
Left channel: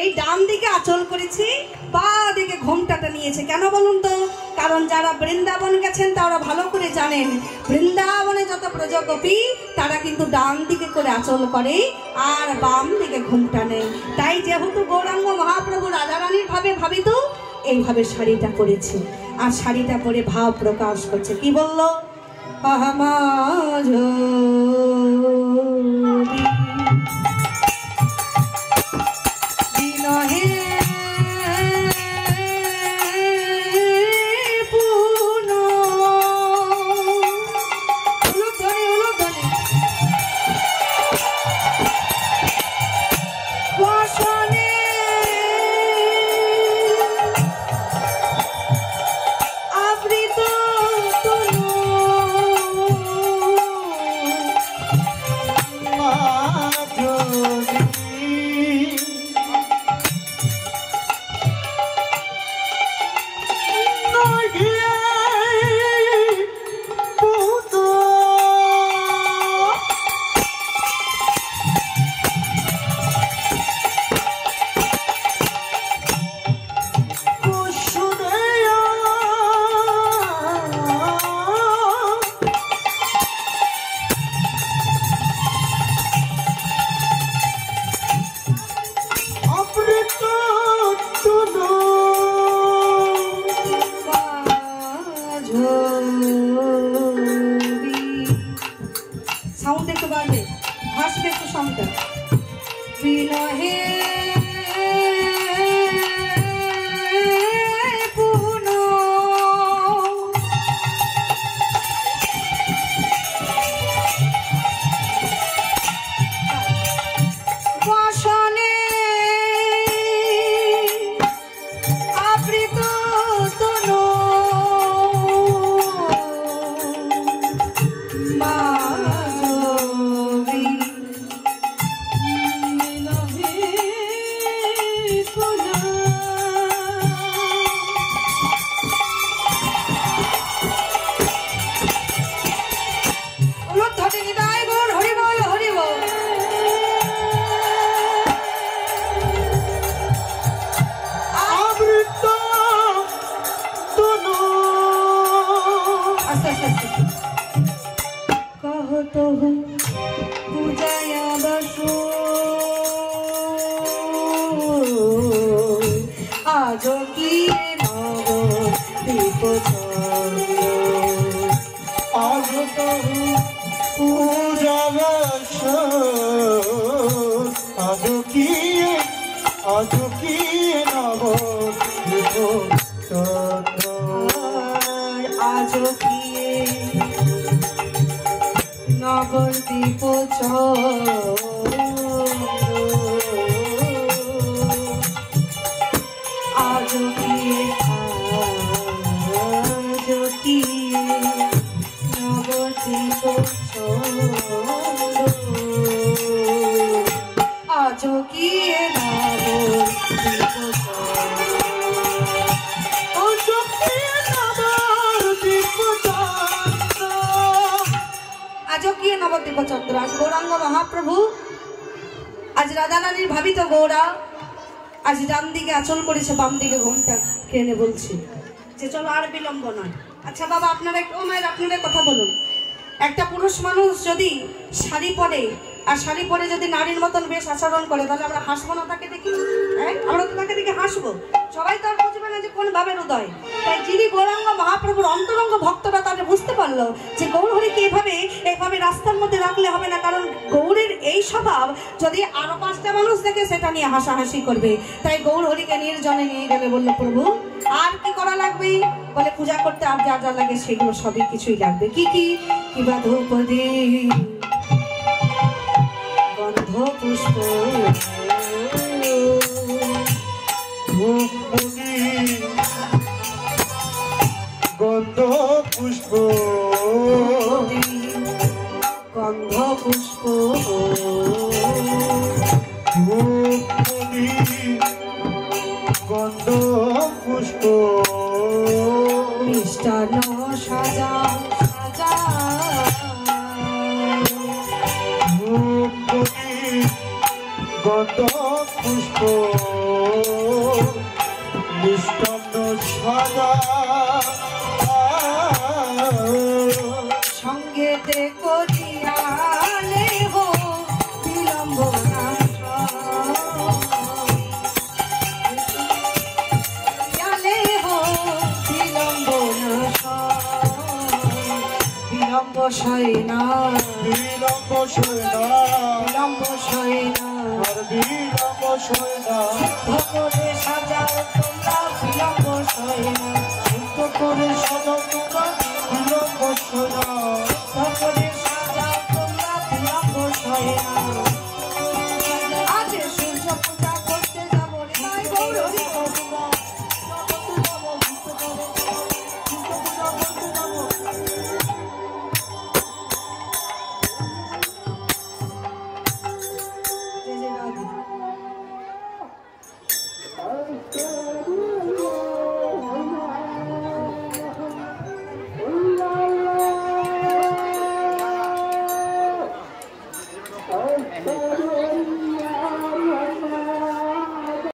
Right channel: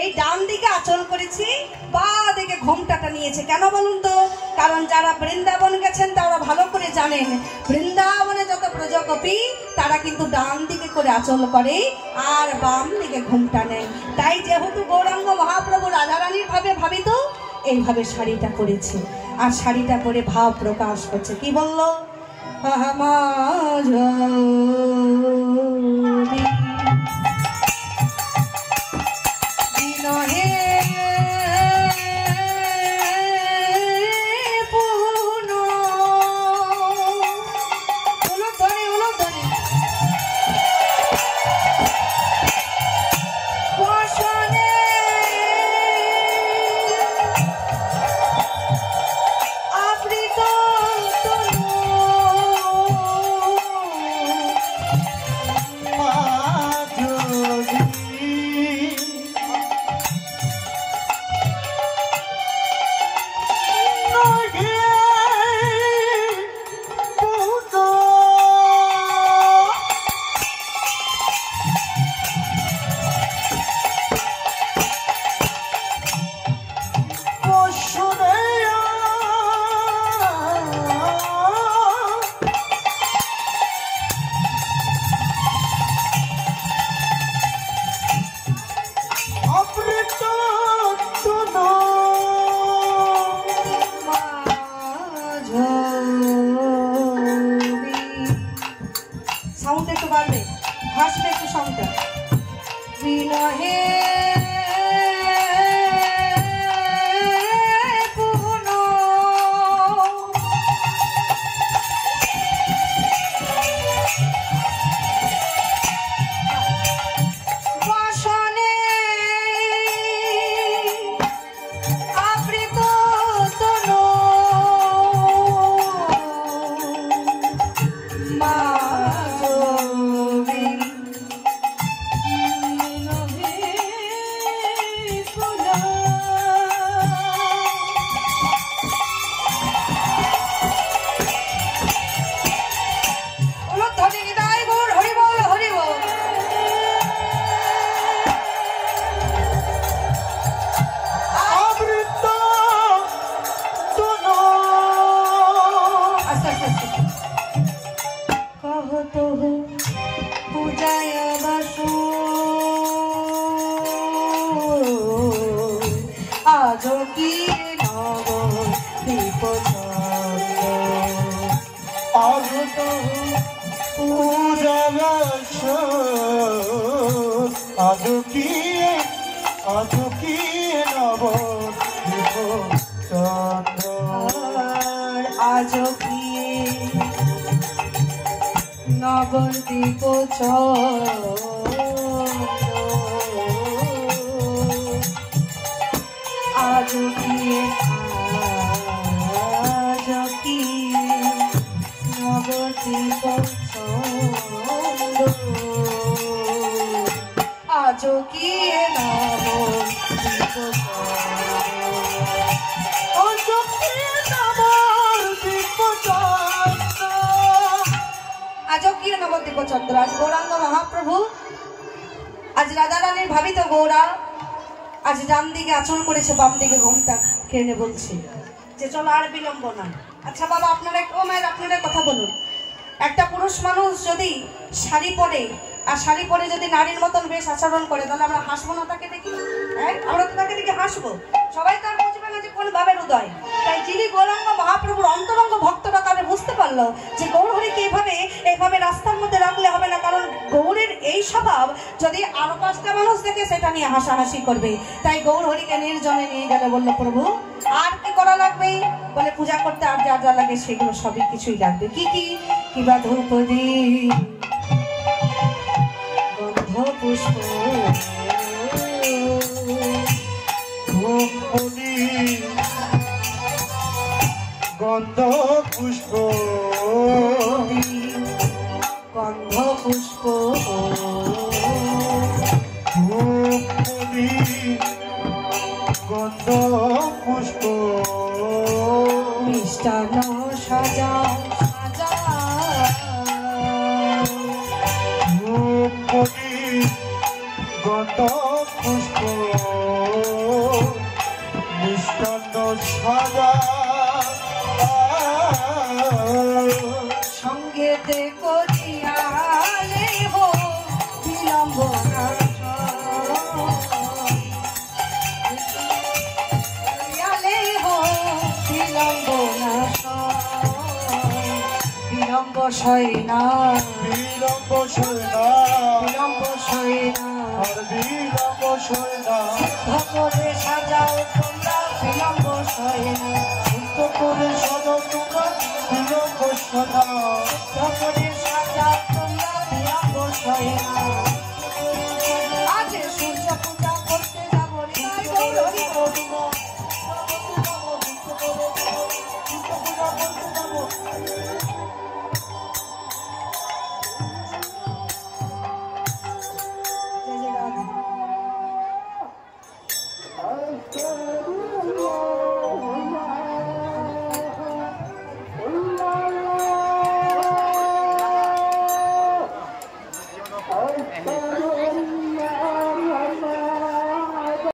এই ডান দিকে আঁচল করেছি, বা দিকে ঘোমটাটা নিয়েছে। কেন বলুন তো? কারণ যারা বৃন্দাবন গেছেন তারা ভালো করে জানেন, বৃন্দাবনে যত প্রজাপতি তারা কিন্তু ডান দিকে করে আঁচল করে আর বাম দিকে ঘোমটা নেয়। তাই যেহেতু গৌরাঙ্গ মহাপ্রভু রাধারানীর ভাবে ভাবিত, এইভাবে শাড়িটা পরেছে আর শাড়িটা পরে ভাব প্রকাশ করছে। কি বললো? সাউন্ড একটু বাড়বে, হাসবে একটু সাউন্ডটা। বিনহে নবদ্বীপ আজ কি নবদ্বীপ আজ কি আজকিয়ে নবদ্বীপ চন্দ্র। আজ গৌরাঙ্গ মহাপ্রভু, আজ রাধারানীর ভাবিত গৌরা আজ ডান দিকে আঁচল করেছে, বাম দিকে ঘোমটা কেনে বলছে যে চলো আর বিলম্ব না। আচ্ছা বাবা, আপনারা একটু মায়ের আপনারা কথা বলুন। একটা পুরুষ মানুষ যদি শাড়ি পরে আর শাড়ি পরে যদি নারীর মতন বেশ আচরণ করে, তাহলে আমরা হাসবো না তাকে দেখি? হ্যাঁ, আমরা তো তাকে দেখে হাসবো। সবাই তো আর বুঝবে না যে কোন ভাবের উদয়। তাই যিনি গৌরাঙ্গ মহাপ্রভুর অন্তরঙ্গ ভক্তরা তারা বুঝতে পারলো যে গৌর হরিকে এইভাবে রাস্তার মধ্যে রাখলে হবে না, কারণ গৌরের এই স্বভাব যদি আরো 5টা মানুষ দেখে সেটা নিয়ে হাসাহাসি করবে। তাই গৌর হরিকে নির্জনে নিয়ে গেলে বললো, প্রভু আর কি করা লাগবে? বলে পূজা করতে আর যা যা লাগে সেগুলো সবই কিছুই লাগবে। কি কি? কিবা ধূপ দীপ গন্ধ পুষ্প গন্ধ পুষ্প গন্ধ পুষ্প গন্ধ পুষ্প মিষ্টান্ন সাজা সাজা গন্ধ পুষ্প মিষ্টান্ন সাজা সঙ্গেতে করিয়ালে হো বিলম্ব করিয়ালে হো বিলম্ব বিলম্ব সয়না বিলম্ব সয়না বিলম্ব সয়না বিলম্ব সয়না ধরে সাজাও তোমরা বিলম্ব সয়না করে সাজাও তোমরা বিলম্ব সয়না ধরে